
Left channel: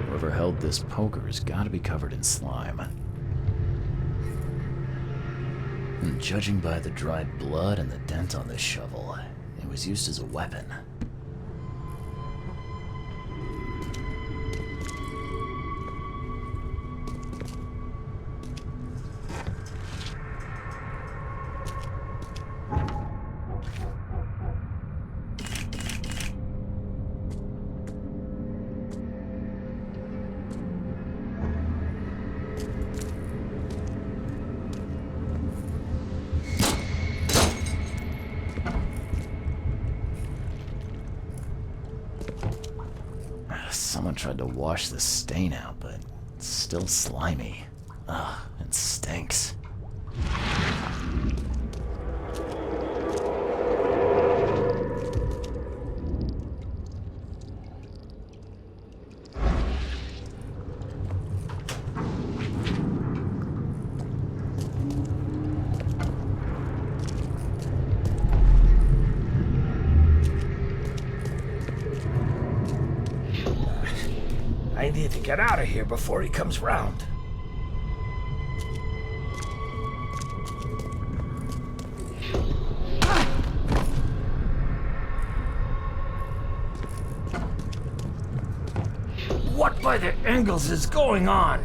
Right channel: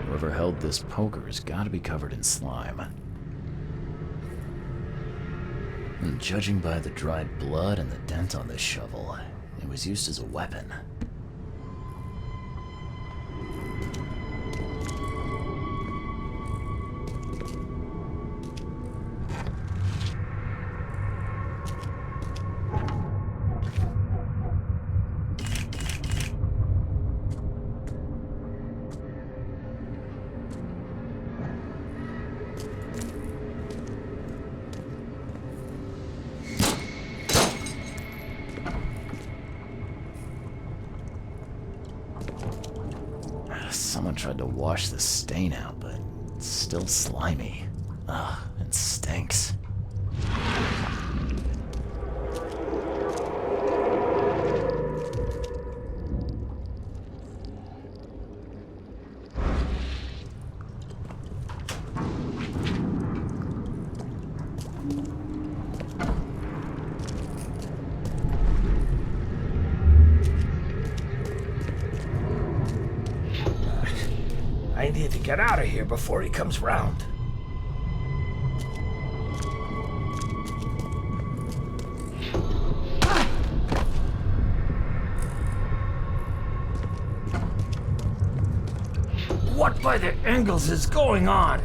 Whoever held this poker has got to be covered in slime. And judging by the dried blood and the dent on this shovel, it was used as a weapon. Someone tried to wash the stain out, but it's still slimy. Ugh, it stinks. I need to get out of here before he comes round. What by the Engels is going on?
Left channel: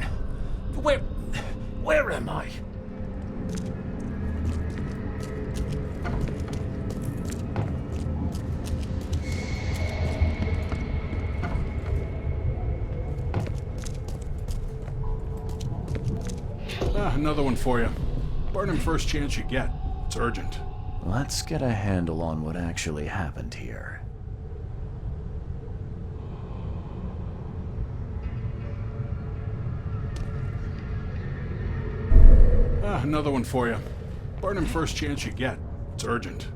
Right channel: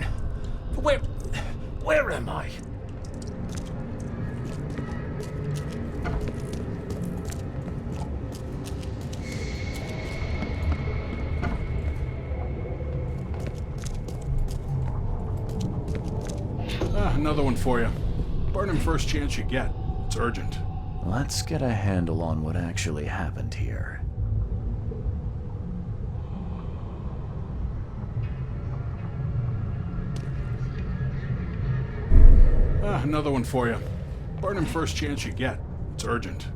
Where am I? Another one for you. Burn him first chance you get. It's urgent. Let's get a handle on what actually happened here. Another one for you. Burn him first chance you get. It's urgent.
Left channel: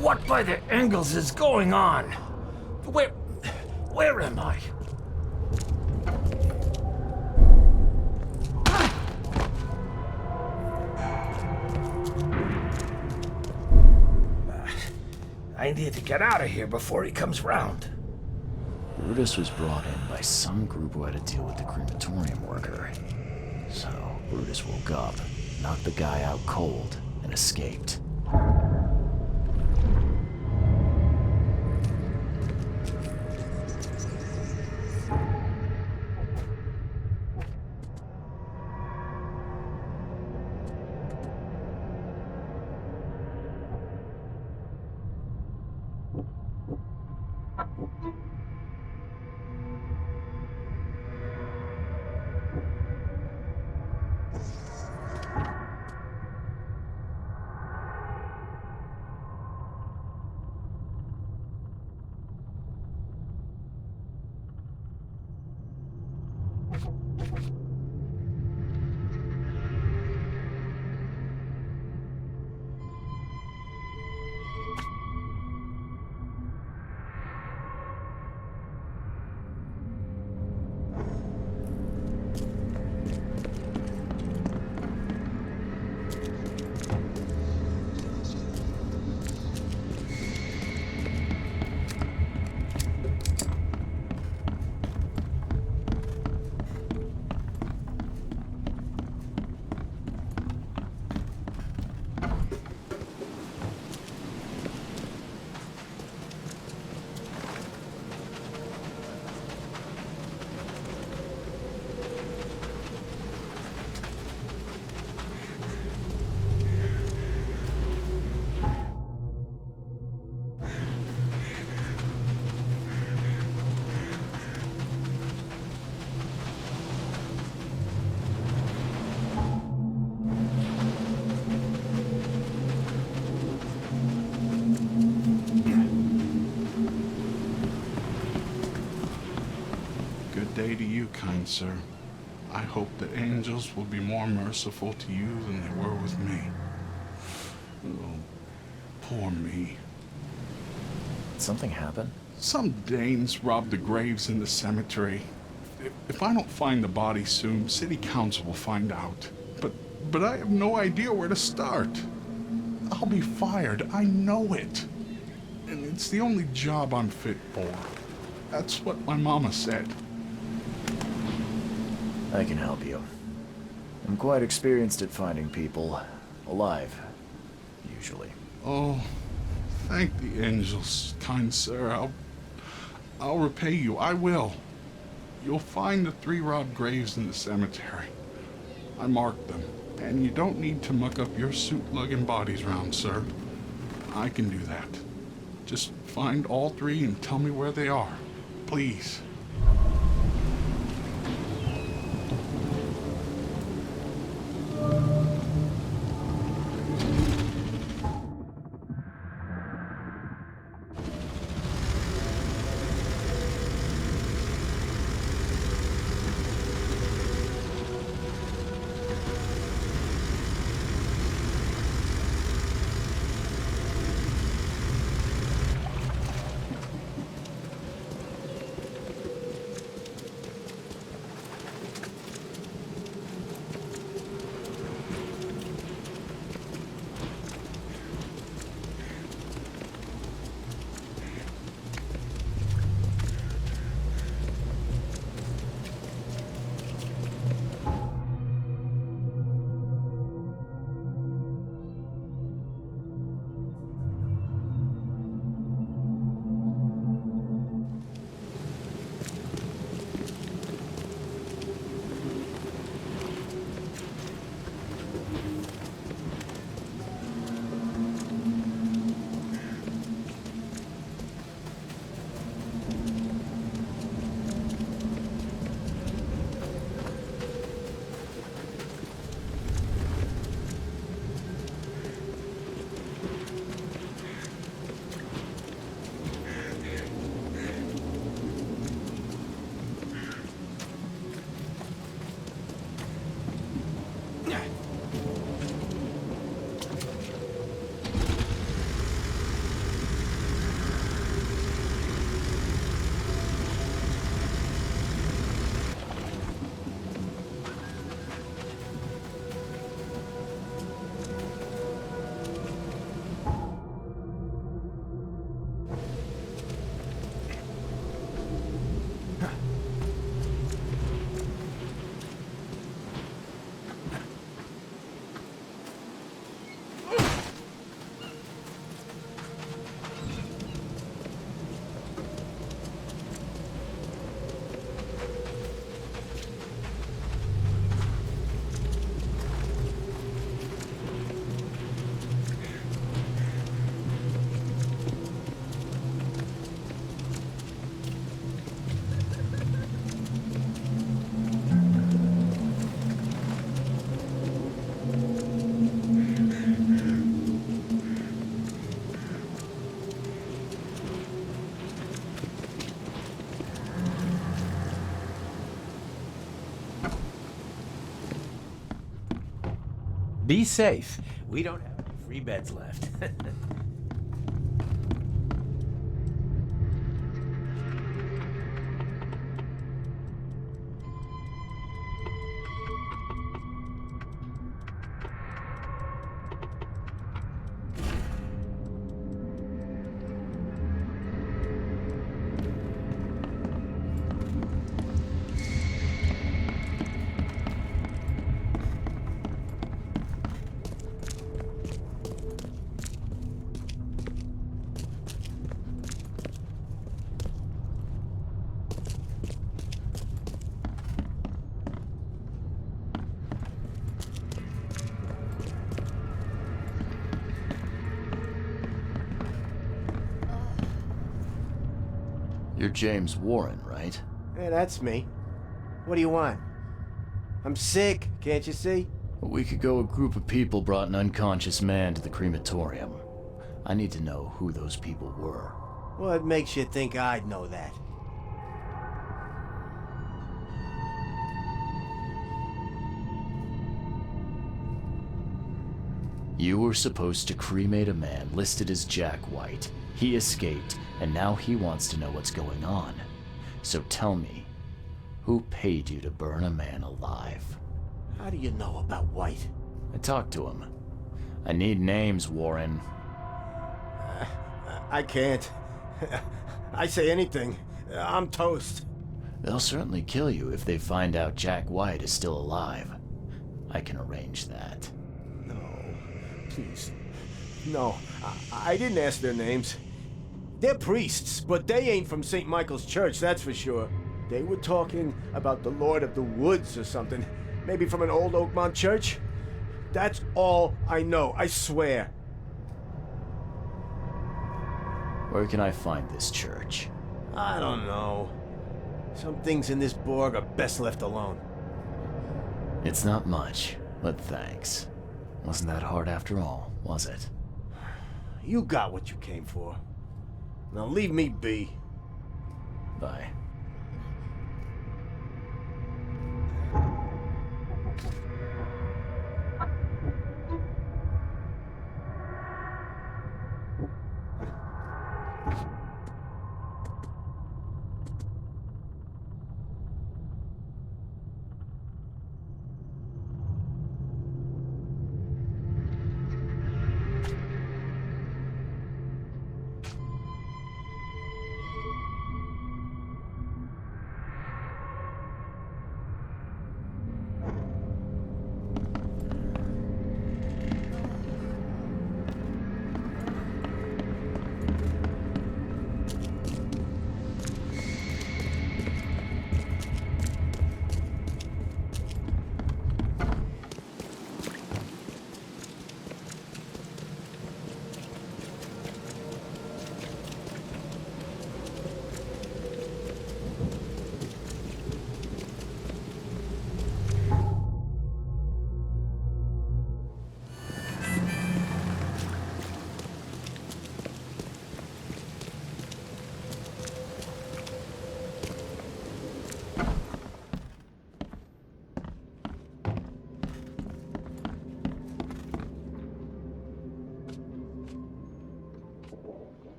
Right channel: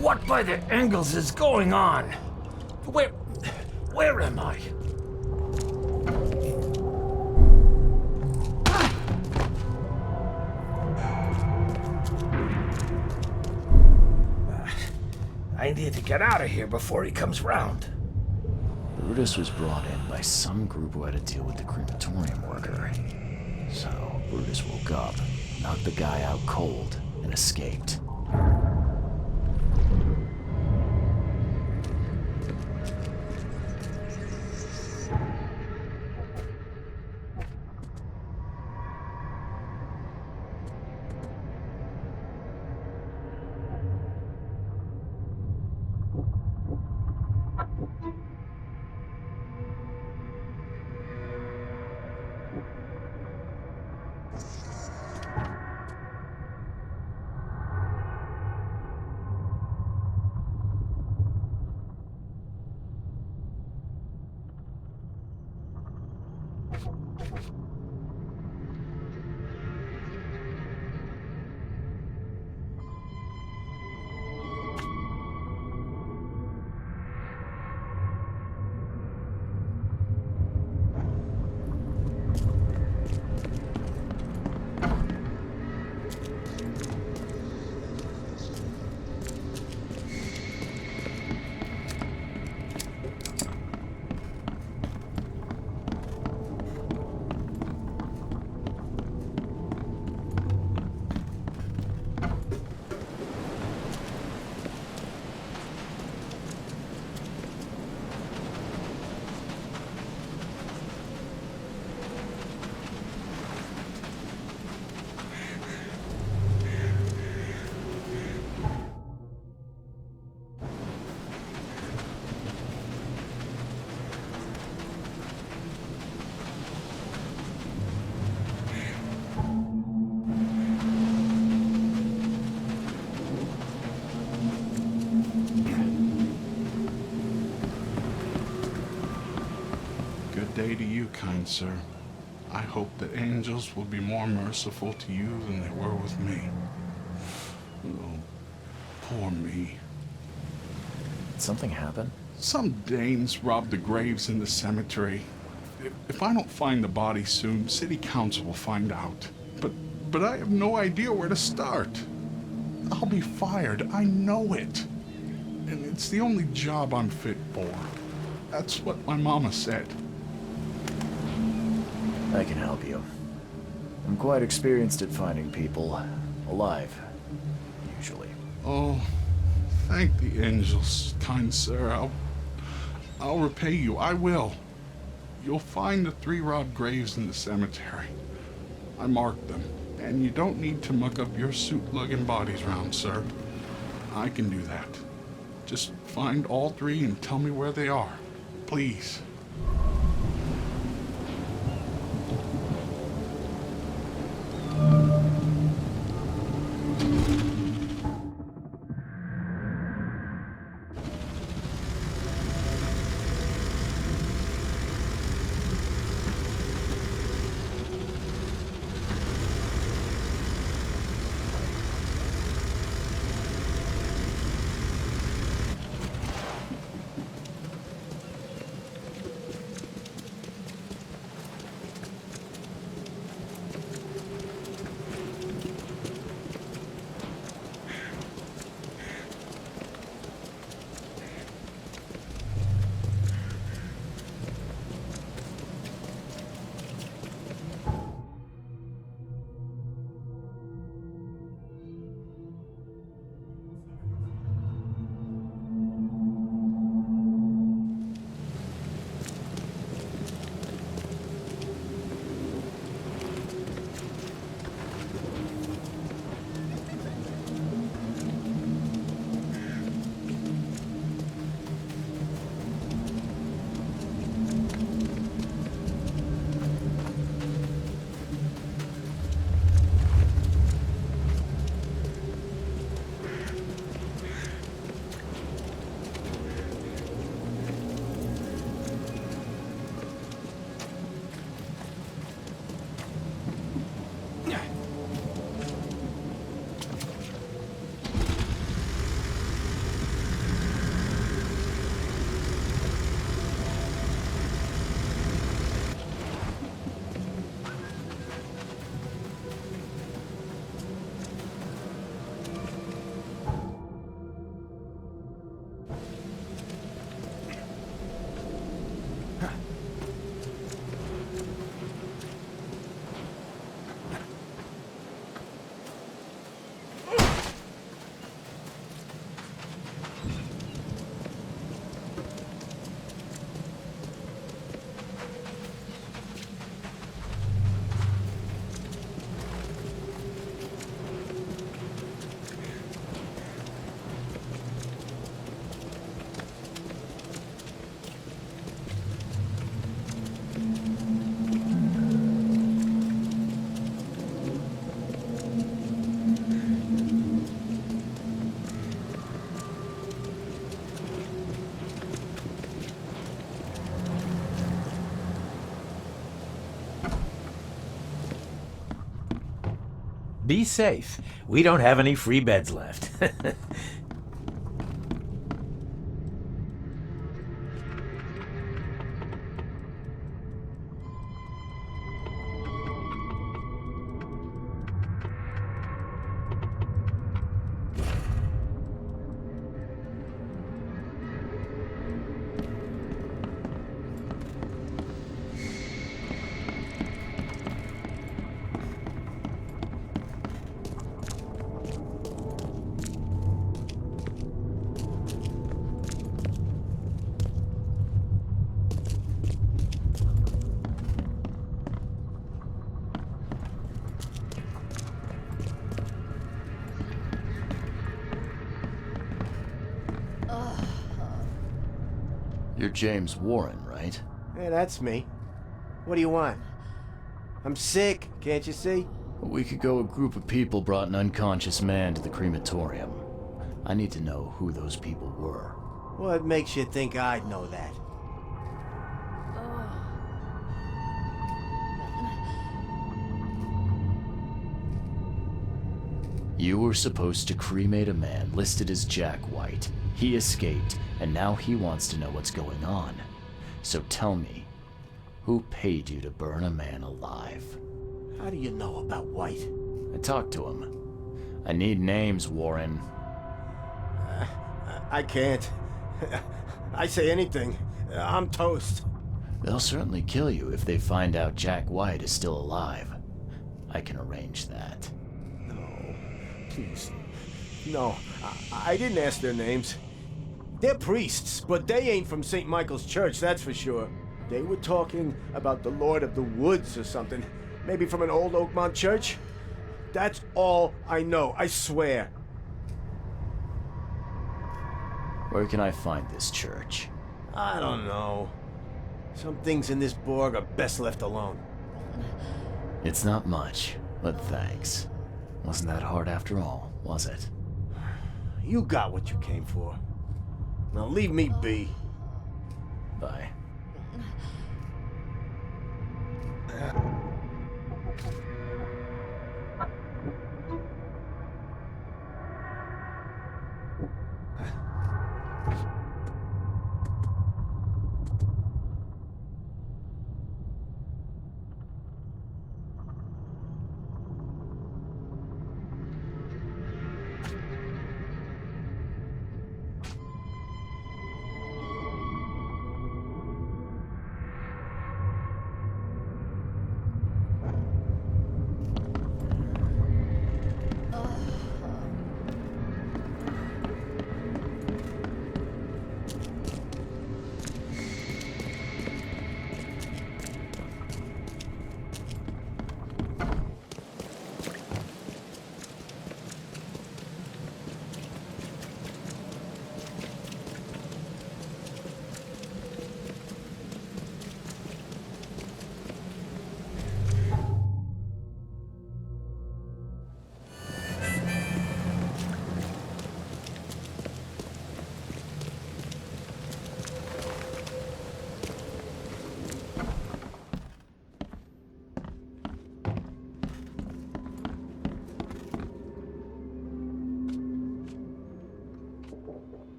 What by the Engels is going on? Where am I? I need to get out of here before he comes round. Brutus was brought in by some group who had to deal with the crematorium worker. So, Brutus woke up, knocked the guy out cold, and escaped. day to you, kind sir. I hope that angels will be more merciful to you than they were with me. Oh, poor me. Did something happen? Some Danes robbed the graves in the cemetery. If I don't find the body soon, city council will find out. But I have no idea where to start. I'll be fired, I know it. And it's the only job I'm fit for. That's what my mama said. I can help you. I'm quite experienced at finding people alive, usually. Oh, thank the angels, kind sir. I'll repay you, I will. You'll find the 3 robbed graves in the cemetery. I marked them, and you don't need to muck up your suit-lugging bodies round, sir. I can do that. Just find all 3 and tell me where they are. Please. Be safe. We don't have any free beds left. You're James Warren, right? Yeah, that's me. What do you want? I'm sick, can't you see? A week ago, a group of people brought an unconscious man to the crematorium. I need to know who those people were. What makes you think I'd know that? You were supposed to cremate a man listed as Jack White. He escaped, and now he wants to know what's going on. So tell me, who paid you to burn a man alive? How do you know about White? I talked to him. I need names, Warren. I can't. I say anything. I'm toast. They'll certainly kill you if they find out Jack White is still alive. I can arrange that. No, please. No, I didn't ask their names. They're priests, but they ain't from St. Michael's Church, that's for sure. They were talking about the Lord of the Woods or something. Maybe from an old Oakmont church? That's all I know, I swear. Where can I find this church? I don't know. Some things in this Borg are best left alone. It's not much, but thanks. Wasn't that hard after all, was it? You got what you came for. Now leave me be. Bye.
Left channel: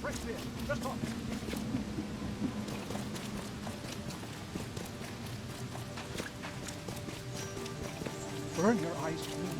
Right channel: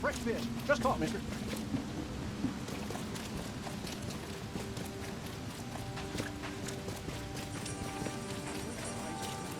Fresh fish. Just caught, mister. Burn your eyes green.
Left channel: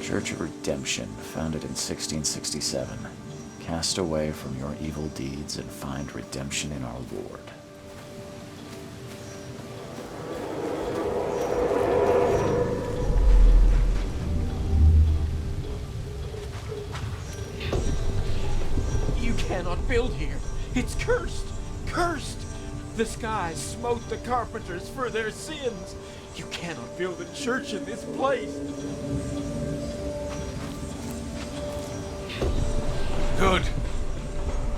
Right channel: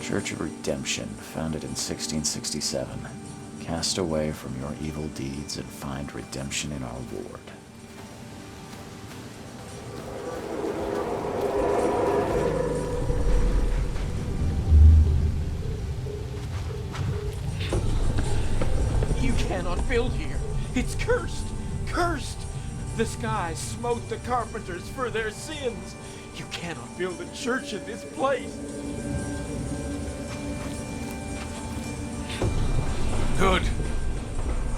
Church of Redemption, founded in 1667. Cast away from your evil deeds and find redemption in our Lord. You cannot build here. It's cursed. Cursed. The skies smote the carpenters for their sins. You cannot build a church in this place. Good.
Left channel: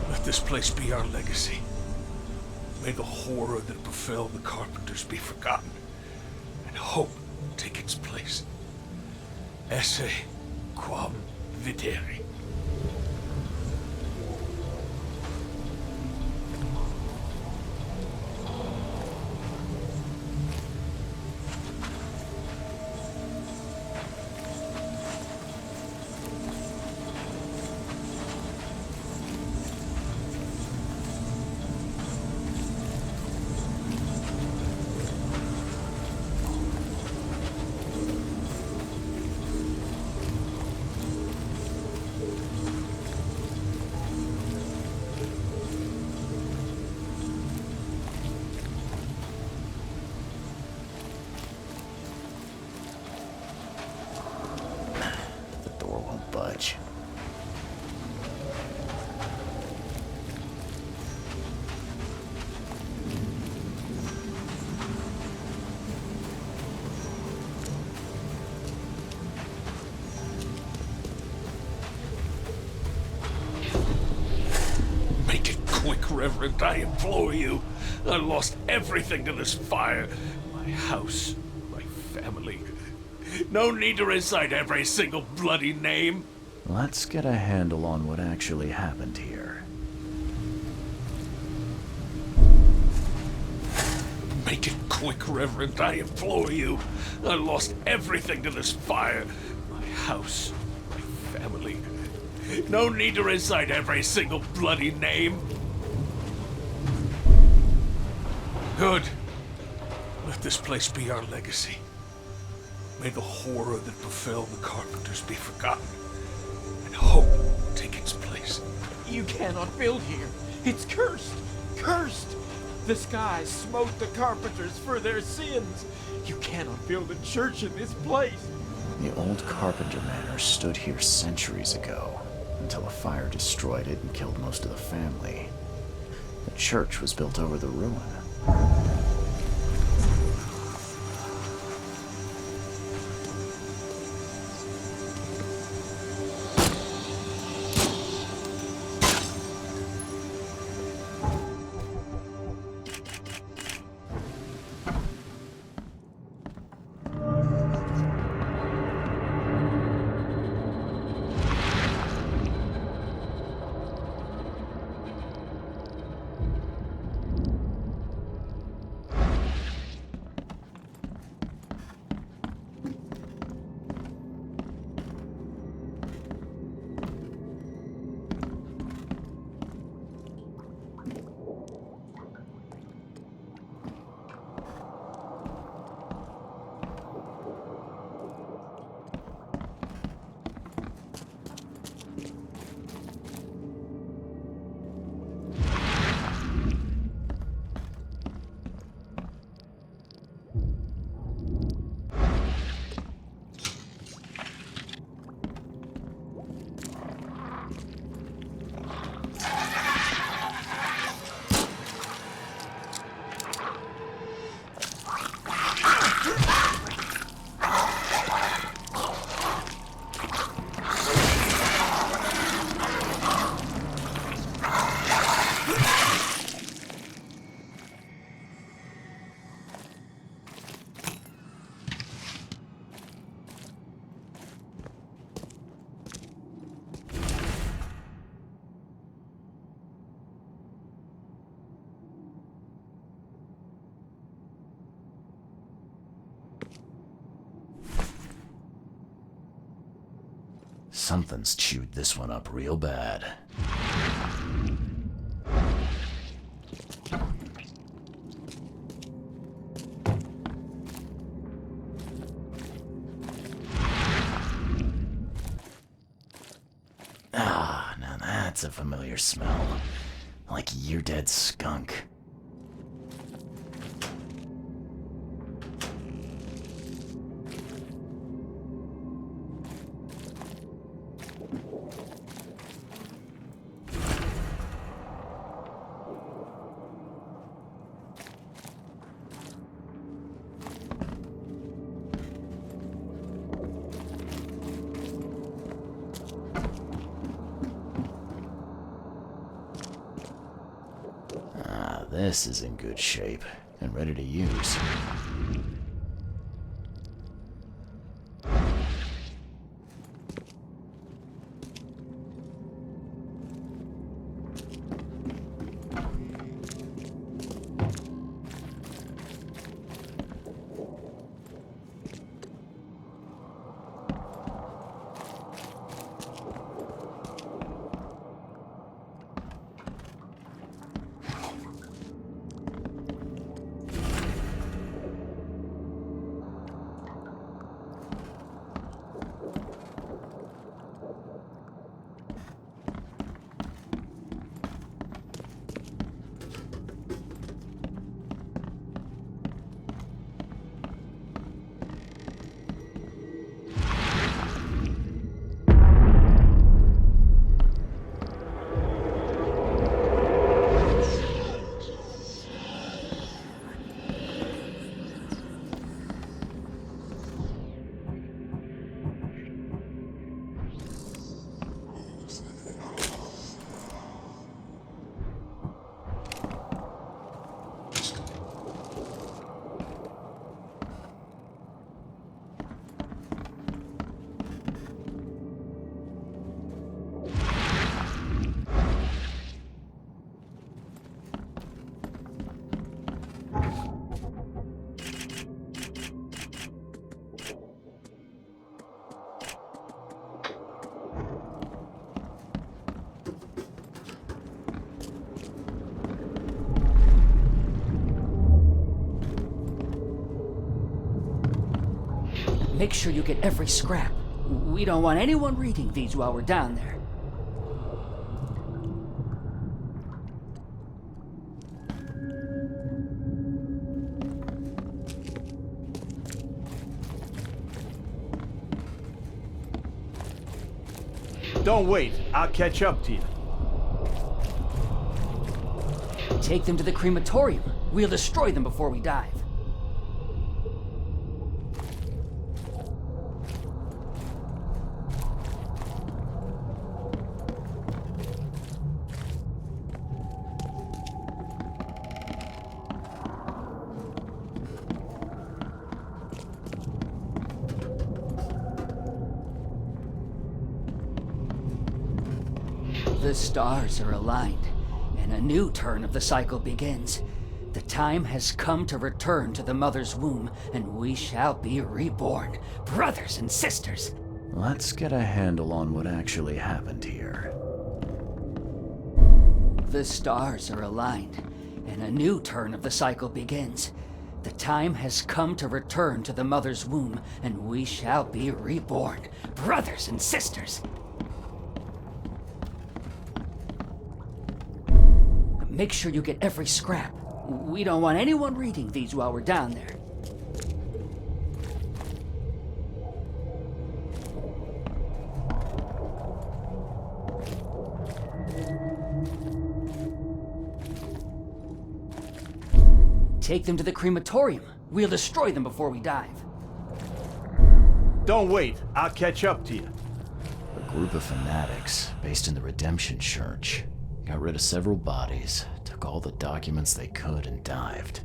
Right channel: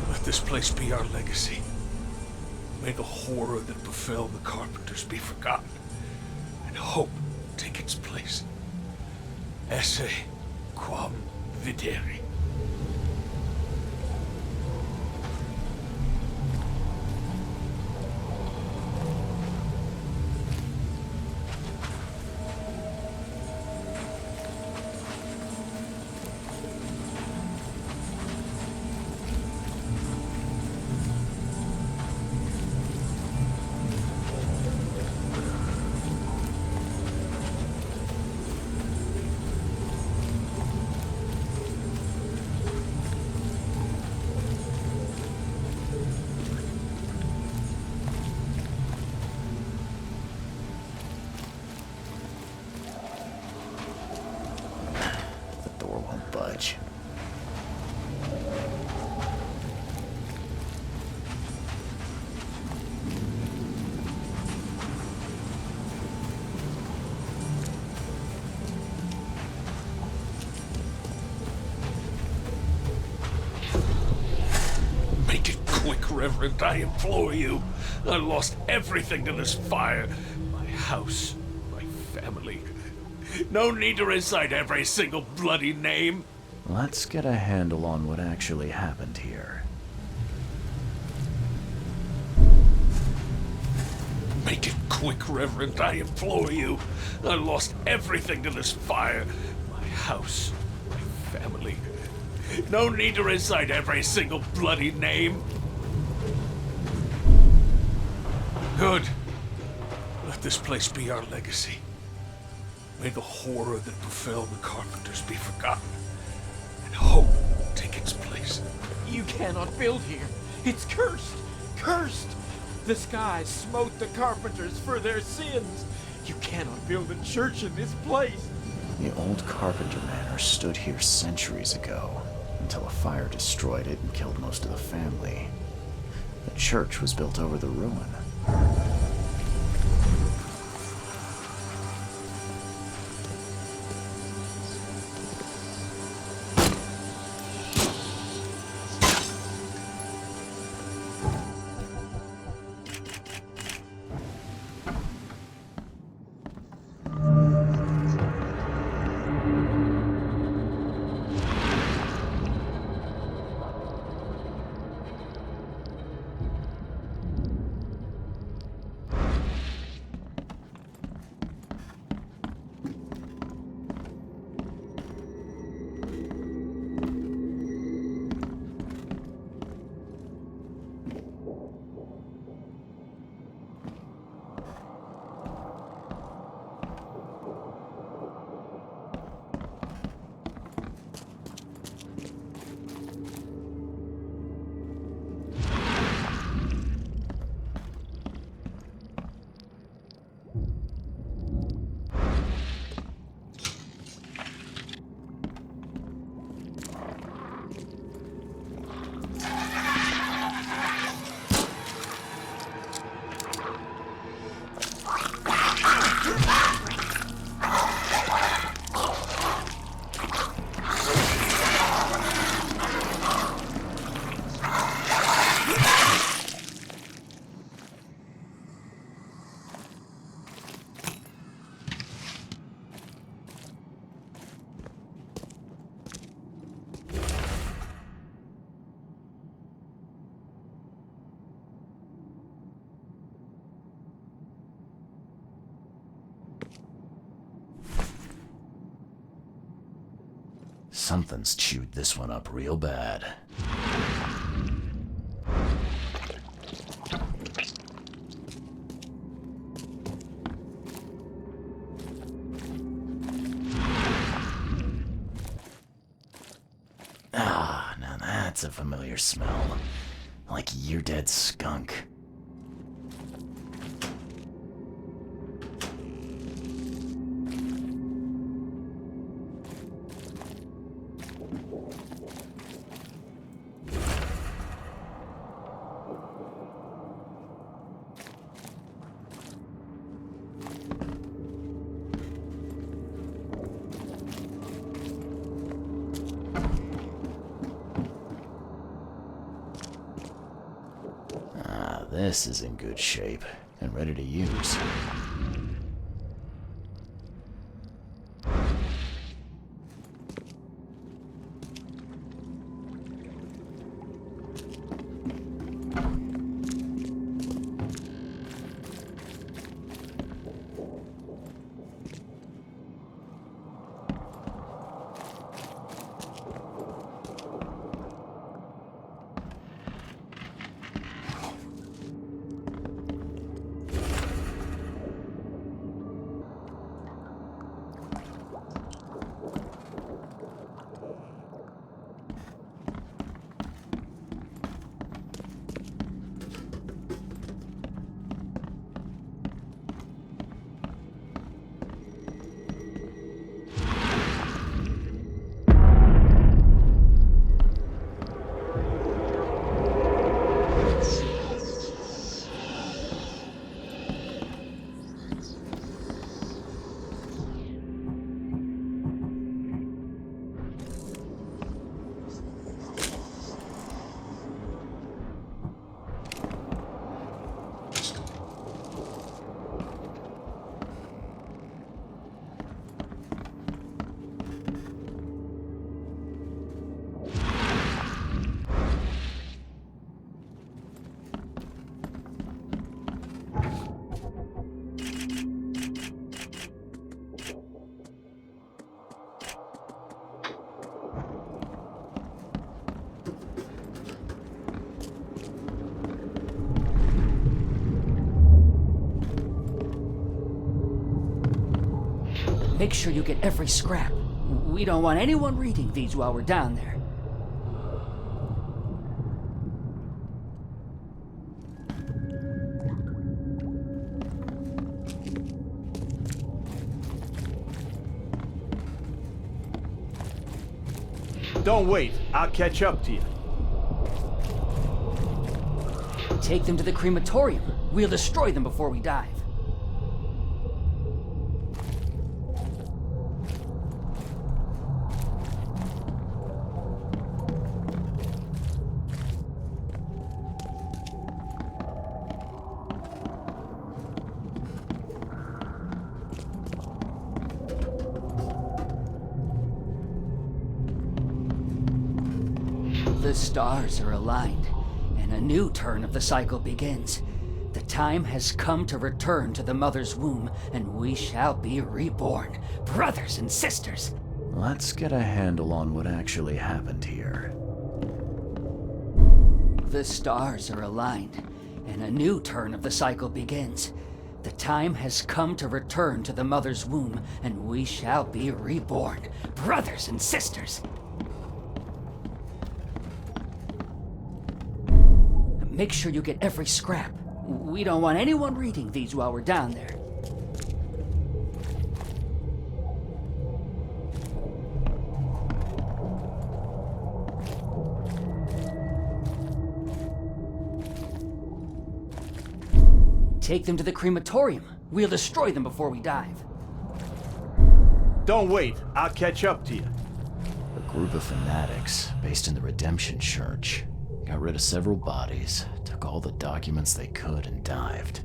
Let this place be our legacy. May the horror that befell the carpenters be forgotten, and hope take its place. Esse quam videri. Budge. Make it quick, Reverend, I implore you. I lost everything to this fire. My house, my family. No need to recite every single bloody name. Let's get a handle on what actually happened here. Make it quick, Reverend, I implore you. I lost everything to this fire. My house, my family. No need to recite every single bloody name. Good. Let this place be our legacy. May the horror that befell the carpenters be forgotten, and hope take its place. You cannot build here. It's cursed. Cursed. The skies smote the carpenters for their sins. You cannot build a church in this place. The old Carpenter Manor stood here centuries ago, until a fire destroyed it and killed most of the family. The church was built over the ruin. Something's chewed this one up real bad. Ah, now That's a familiar smell. Like year-dead skunk. This is in good shape and ready to use. Make sure you get every scrap. We don't want anyone reading these while we're down there. Don't wait. I'll catch up to you. Take them to the crematorium. We'll destroy them before we dive. The stars are aligned, and a new turn of the cycle begins. The time has come to return to the mother's womb, and we shall be reborn, brothers and sisters. Let's get a handle on what actually happened here. The stars are aligned, and a new turn of the cycle begins. The time has come to return to the mother's womb, and we shall be reborn, brothers and sisters. Make sure you get every scrap. We don't want anyone reading these while we're down there. Take them to the crematorium. We'll destroy them before we dive. Don't wait. I'll catch up to you. A group of fanatics based in the Redemption Church got rid of several bodies, took all the documents they could, and dived.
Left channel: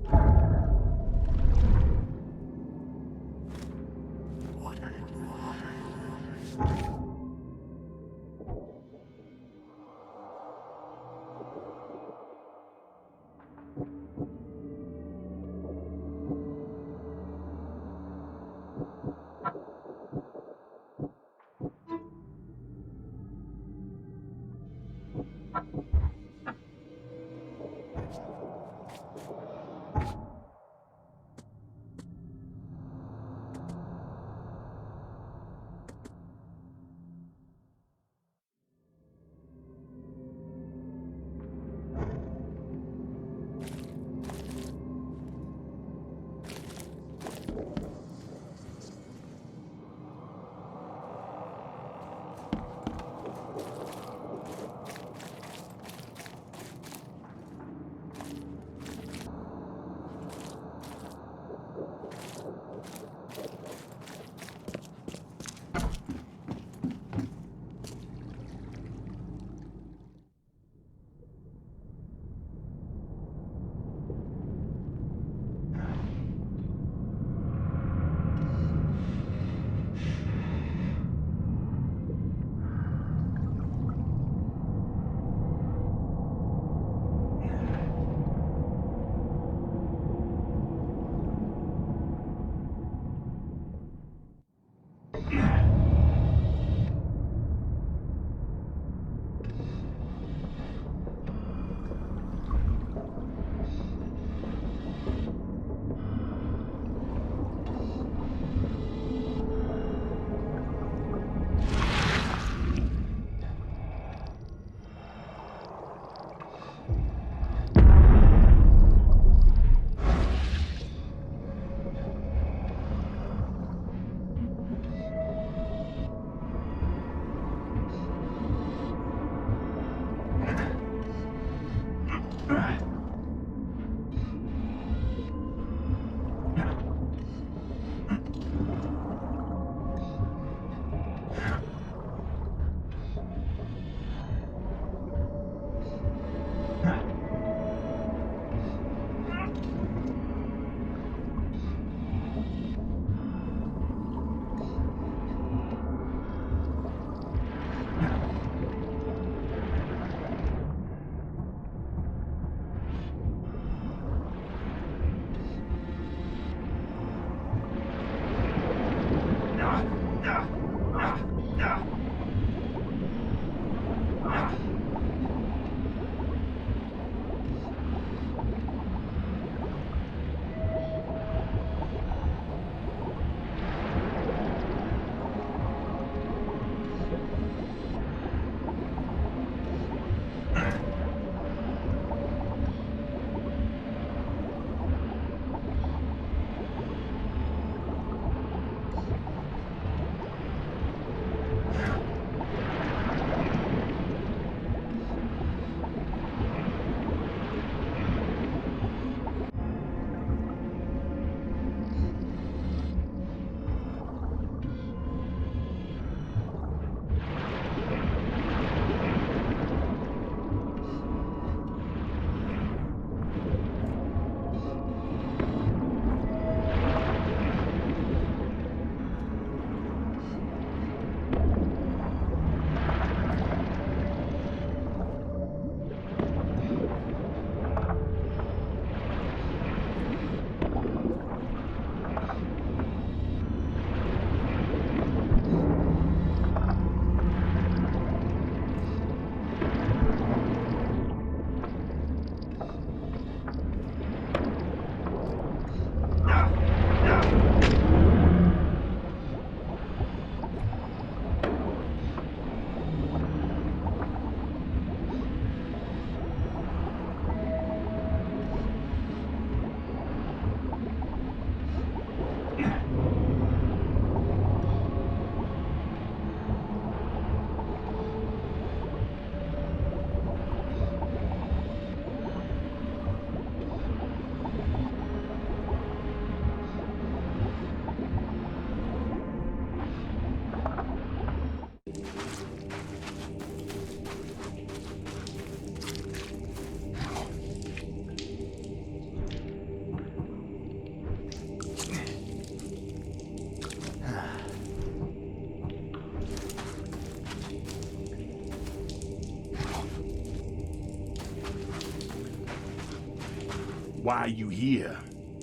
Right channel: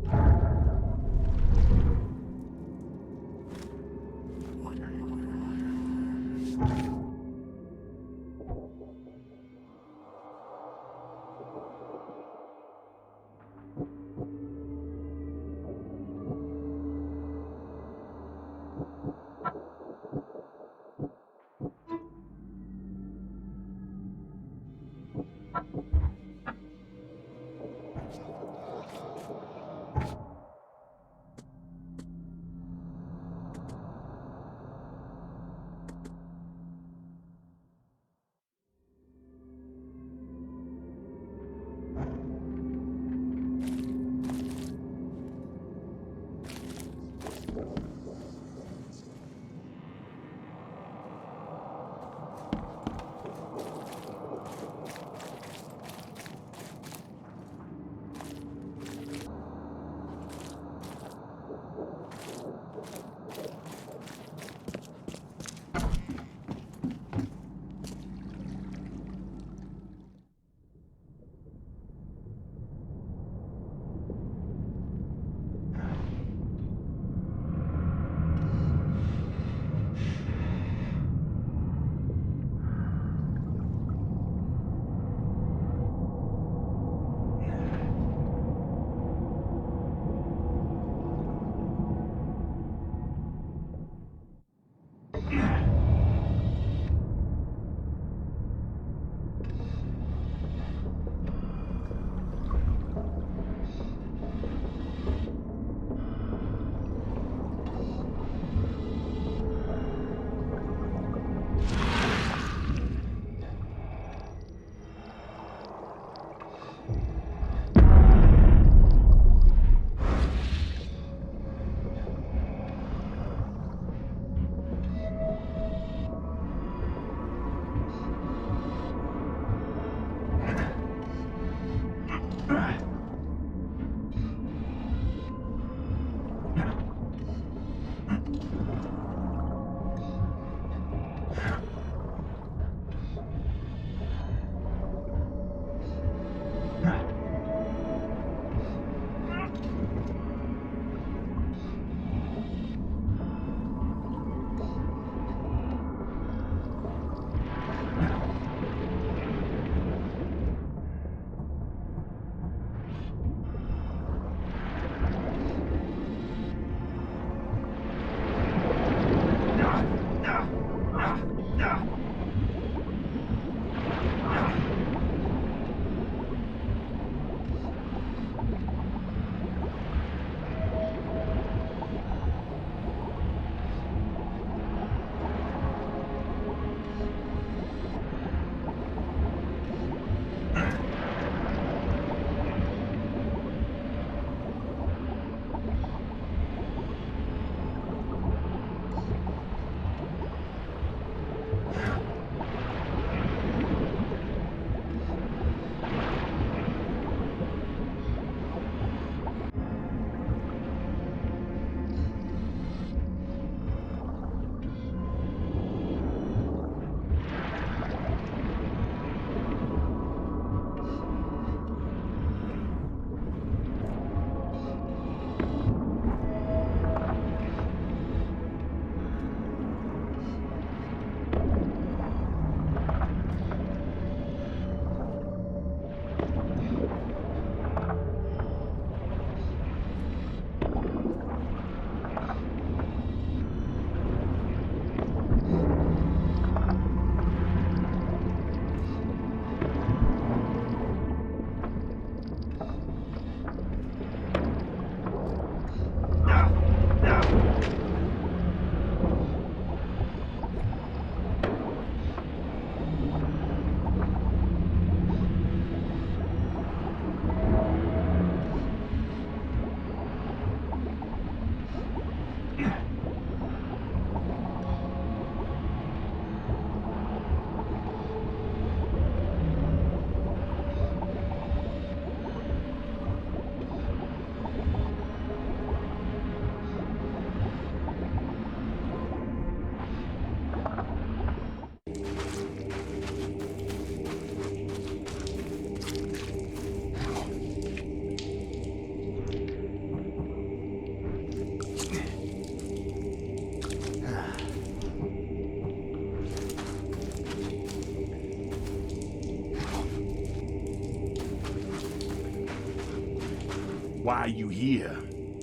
Why are you here?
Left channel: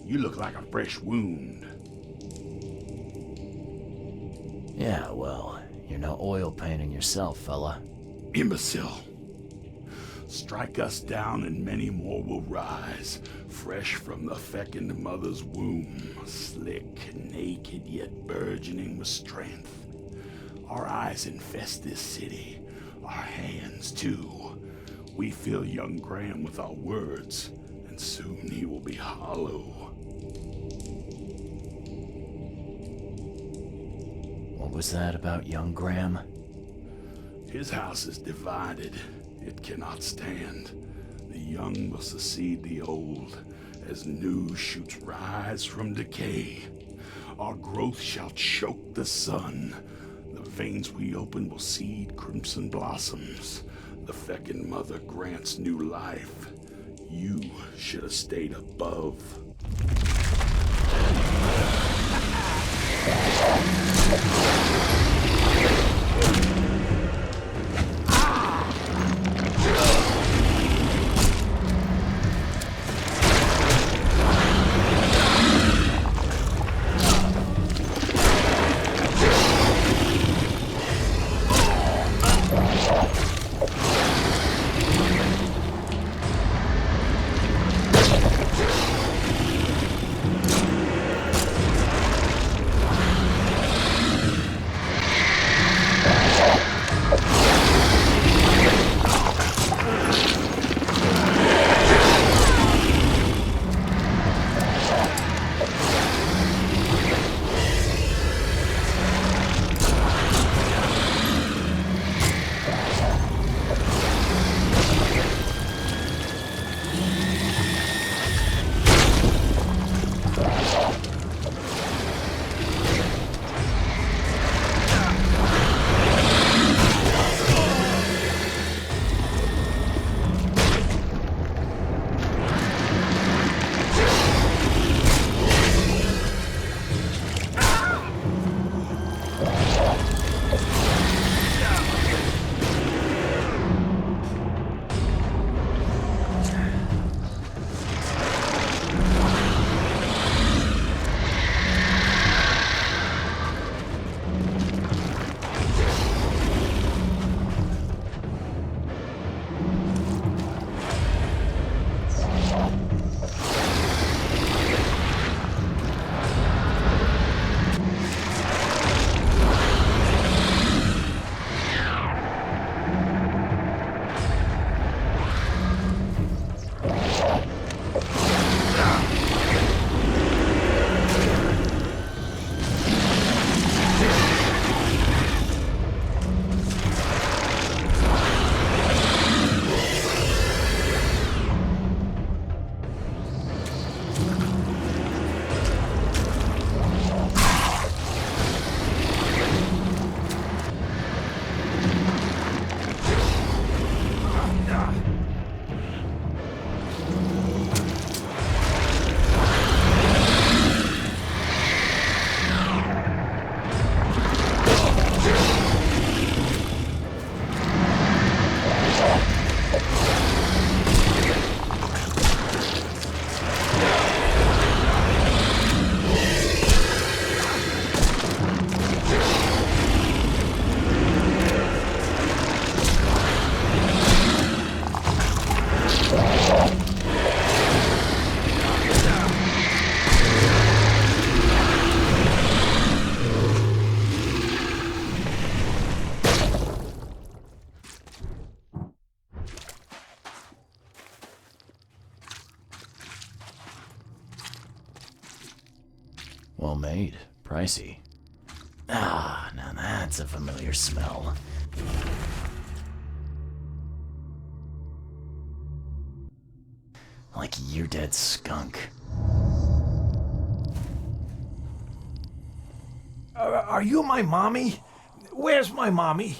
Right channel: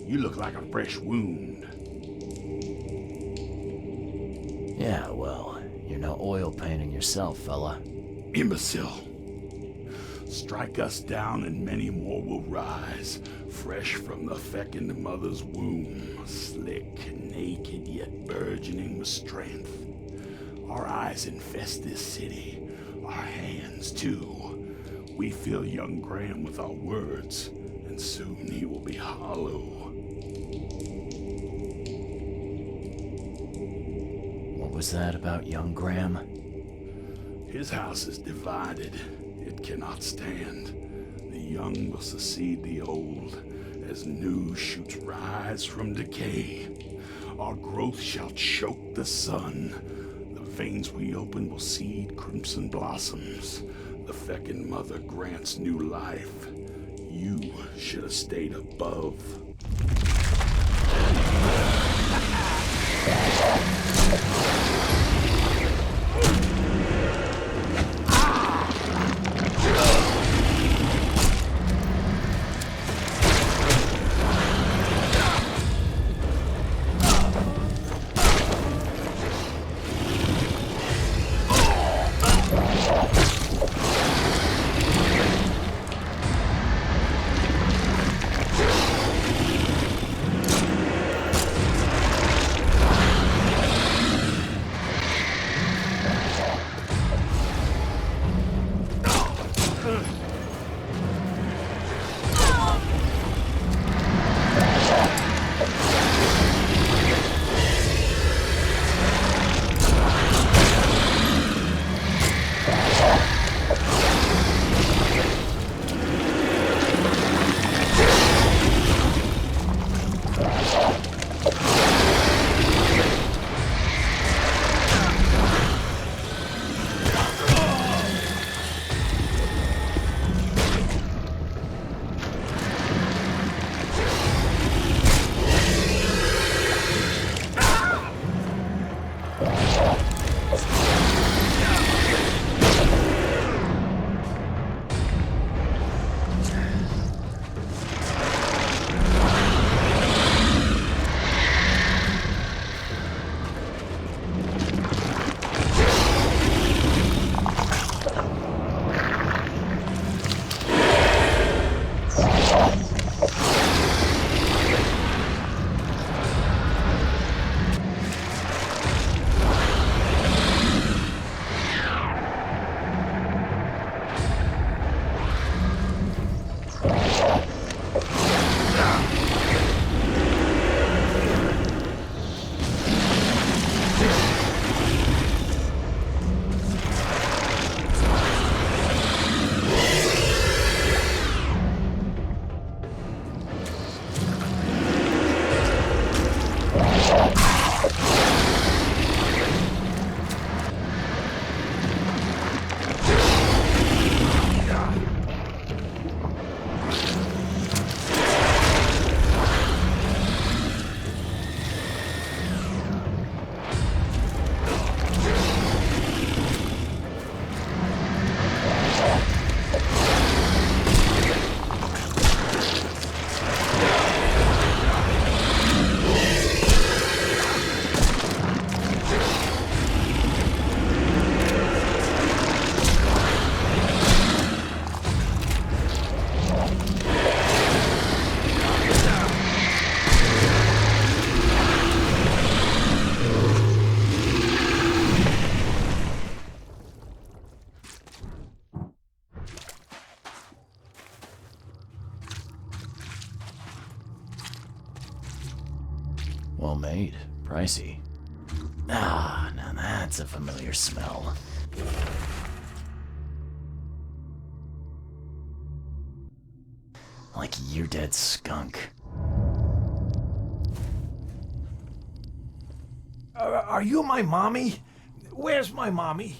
You look like a fresh wound. Yeah, well, you're no oil painting yourself, fella. Imbecile. Strike us down and many more will rise, fresh from the fecund mother's womb, slick, naked, yet burgeoning with strength. Our eyes infest this city, our hands too. We fill young Graham with our words, and soon he will be hollow. was that about young Graham? His house is divided. It cannot stand. The young will succeed the old, as new shoots rise from decay. Our growth shall choke the sun. The veins we open will seed crimson blossoms. The feckin' mother grants new life. You should have stayed above. Well made. Pricey. Ah, now that's a familiar smell. Like year-dead skunk. Are you my mommy? Where's my mommy?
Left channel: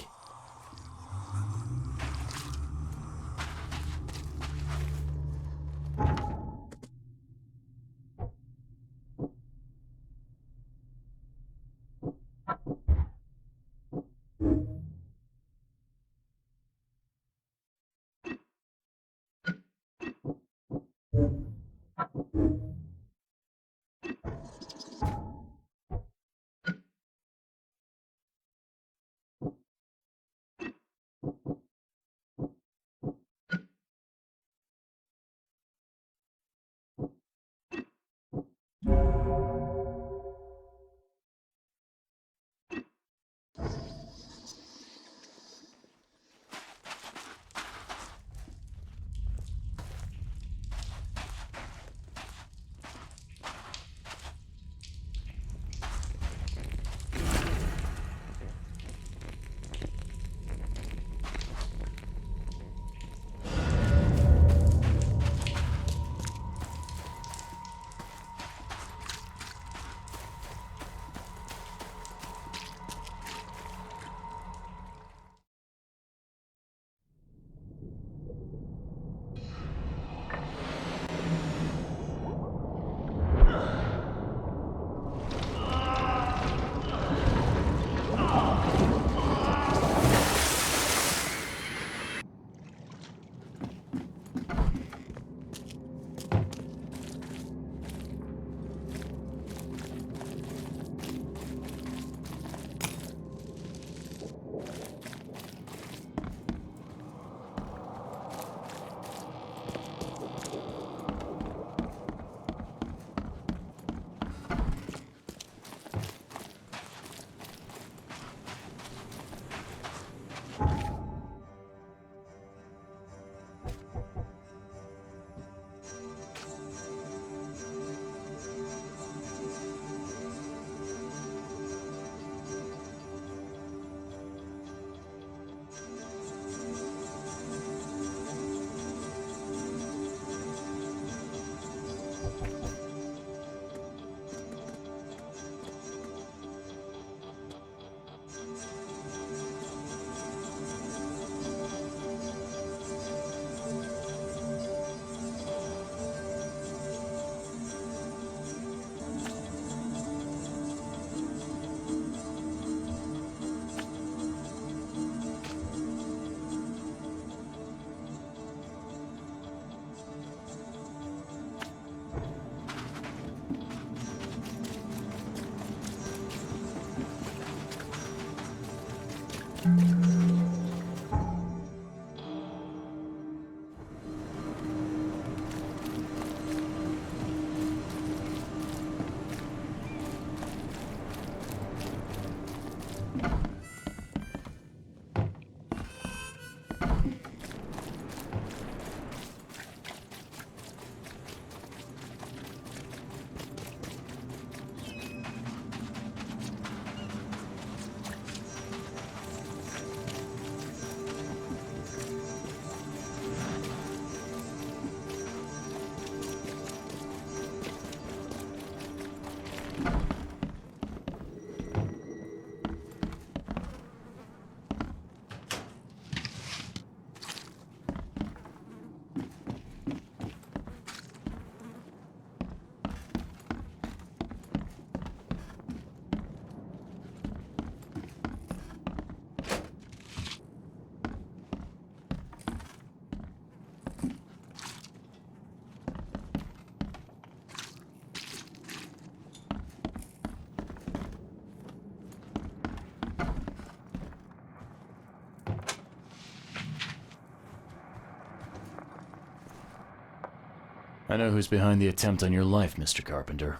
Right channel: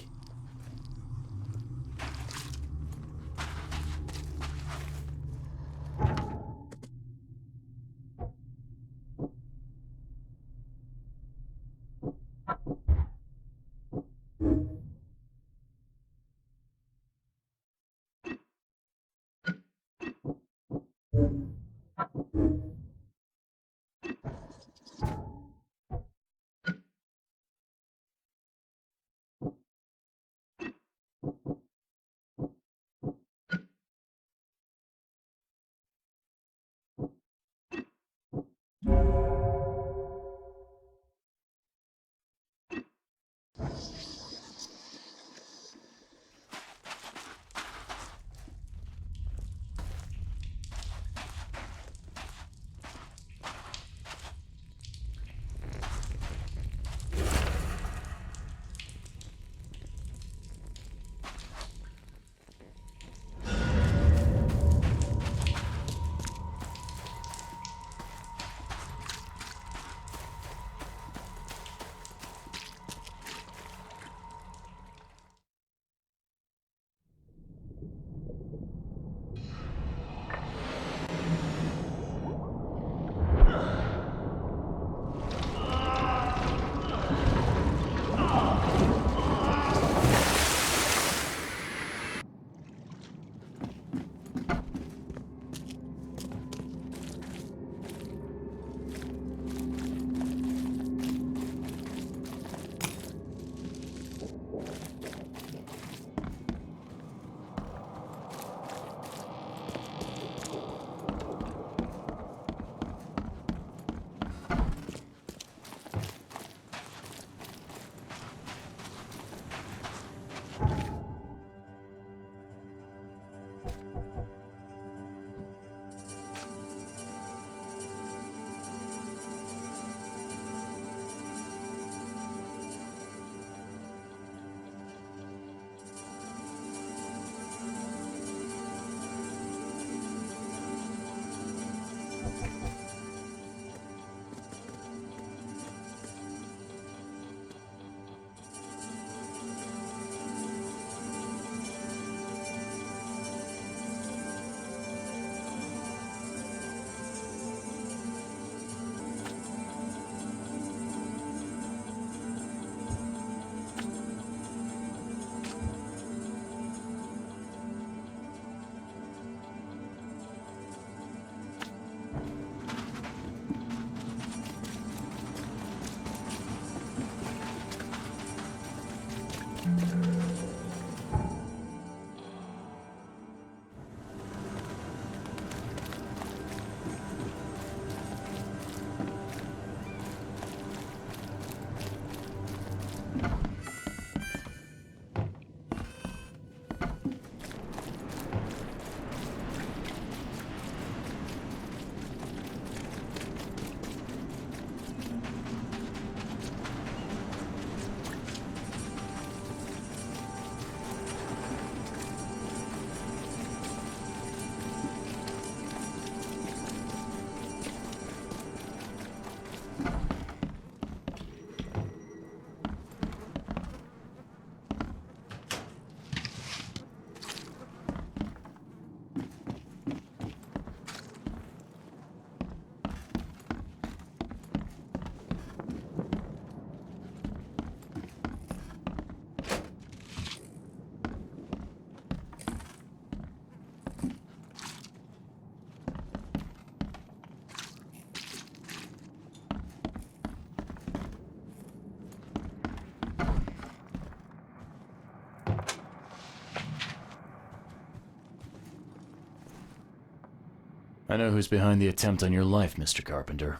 I know who's behind the attempt on your life, Mr. Carpenter.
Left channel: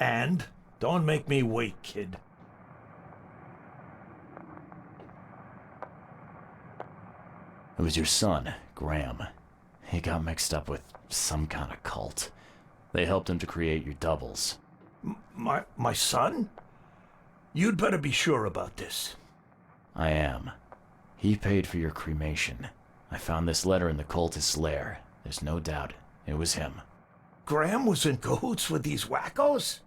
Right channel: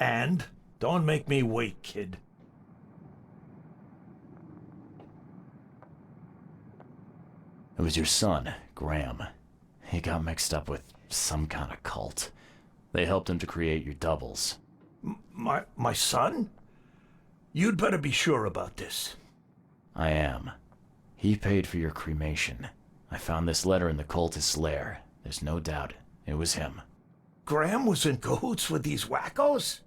And? Don't make me wait, kid. It was your son, Graham. He got mixed up with some kind of cult. They helped him to create your doubles. My son? You'd better be sure about this. I am. He paid for your cremation. I found this letter in the cultist's lair. There's no doubt it was him. Graham was in cahoots with these wackos?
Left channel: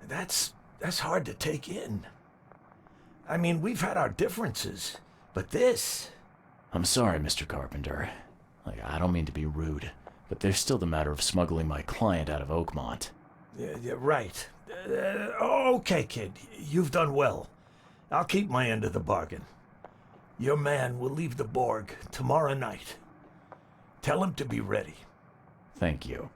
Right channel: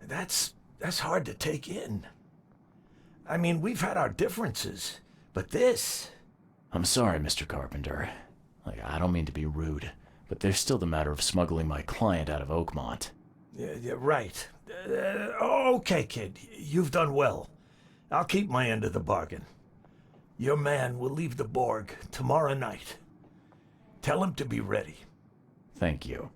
That's hard to take in. I mean, we've had our differences, but this... I'm sorry, Mr. Carpenter. I don't mean to be rude, but there's still the matter of smuggling my client out of Oakmont. Yeah, right. Okay, kid. You've done well. I'll keep my end of the bargain. Your man will leave the Borg tomorrow night. Tell him to be ready. Thank you.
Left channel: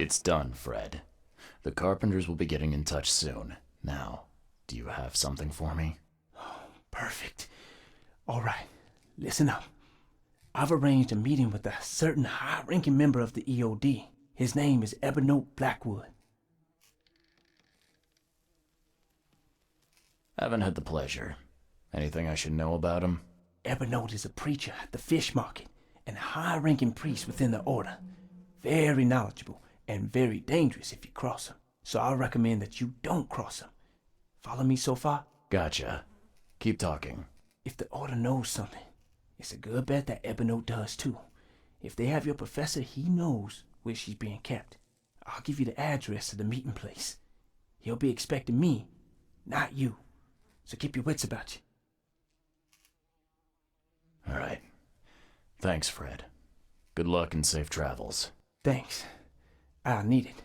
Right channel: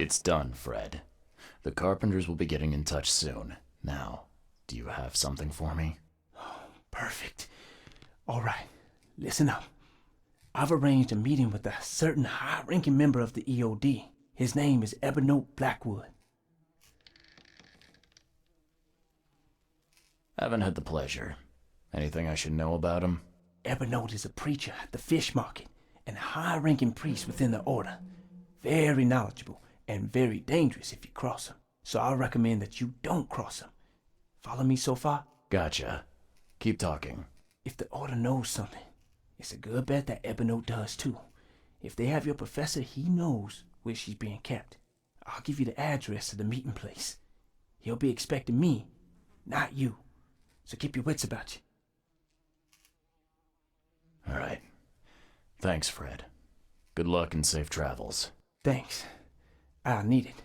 It's done, Fred. The Carpenters will be getting in touch soon. Now, do you have something for me? Perfect. All right, listen up. I've arranged a meeting with a certain high-ranking member of the EOD. His name is Ebenote Blackwood. Haven't had the pleasure. Anything I should know about him? Ebenote is a preacher at the fish market and a high-ranking priest within the order. Very knowledgeable and very dangerous if you cross him. So I recommend that you don't cross him. Follow me so far? Gotcha. Keep talking. If the order knows something, It's a good bet that Ebony does too. If they have your professor, he knows where she's being kept. I'll give you the address to the meeting place. He'll be expecting me, not you. So keep your wits about you. All right. Thanks, Fred. Good luck and safe travels. Thanks. I'll need it.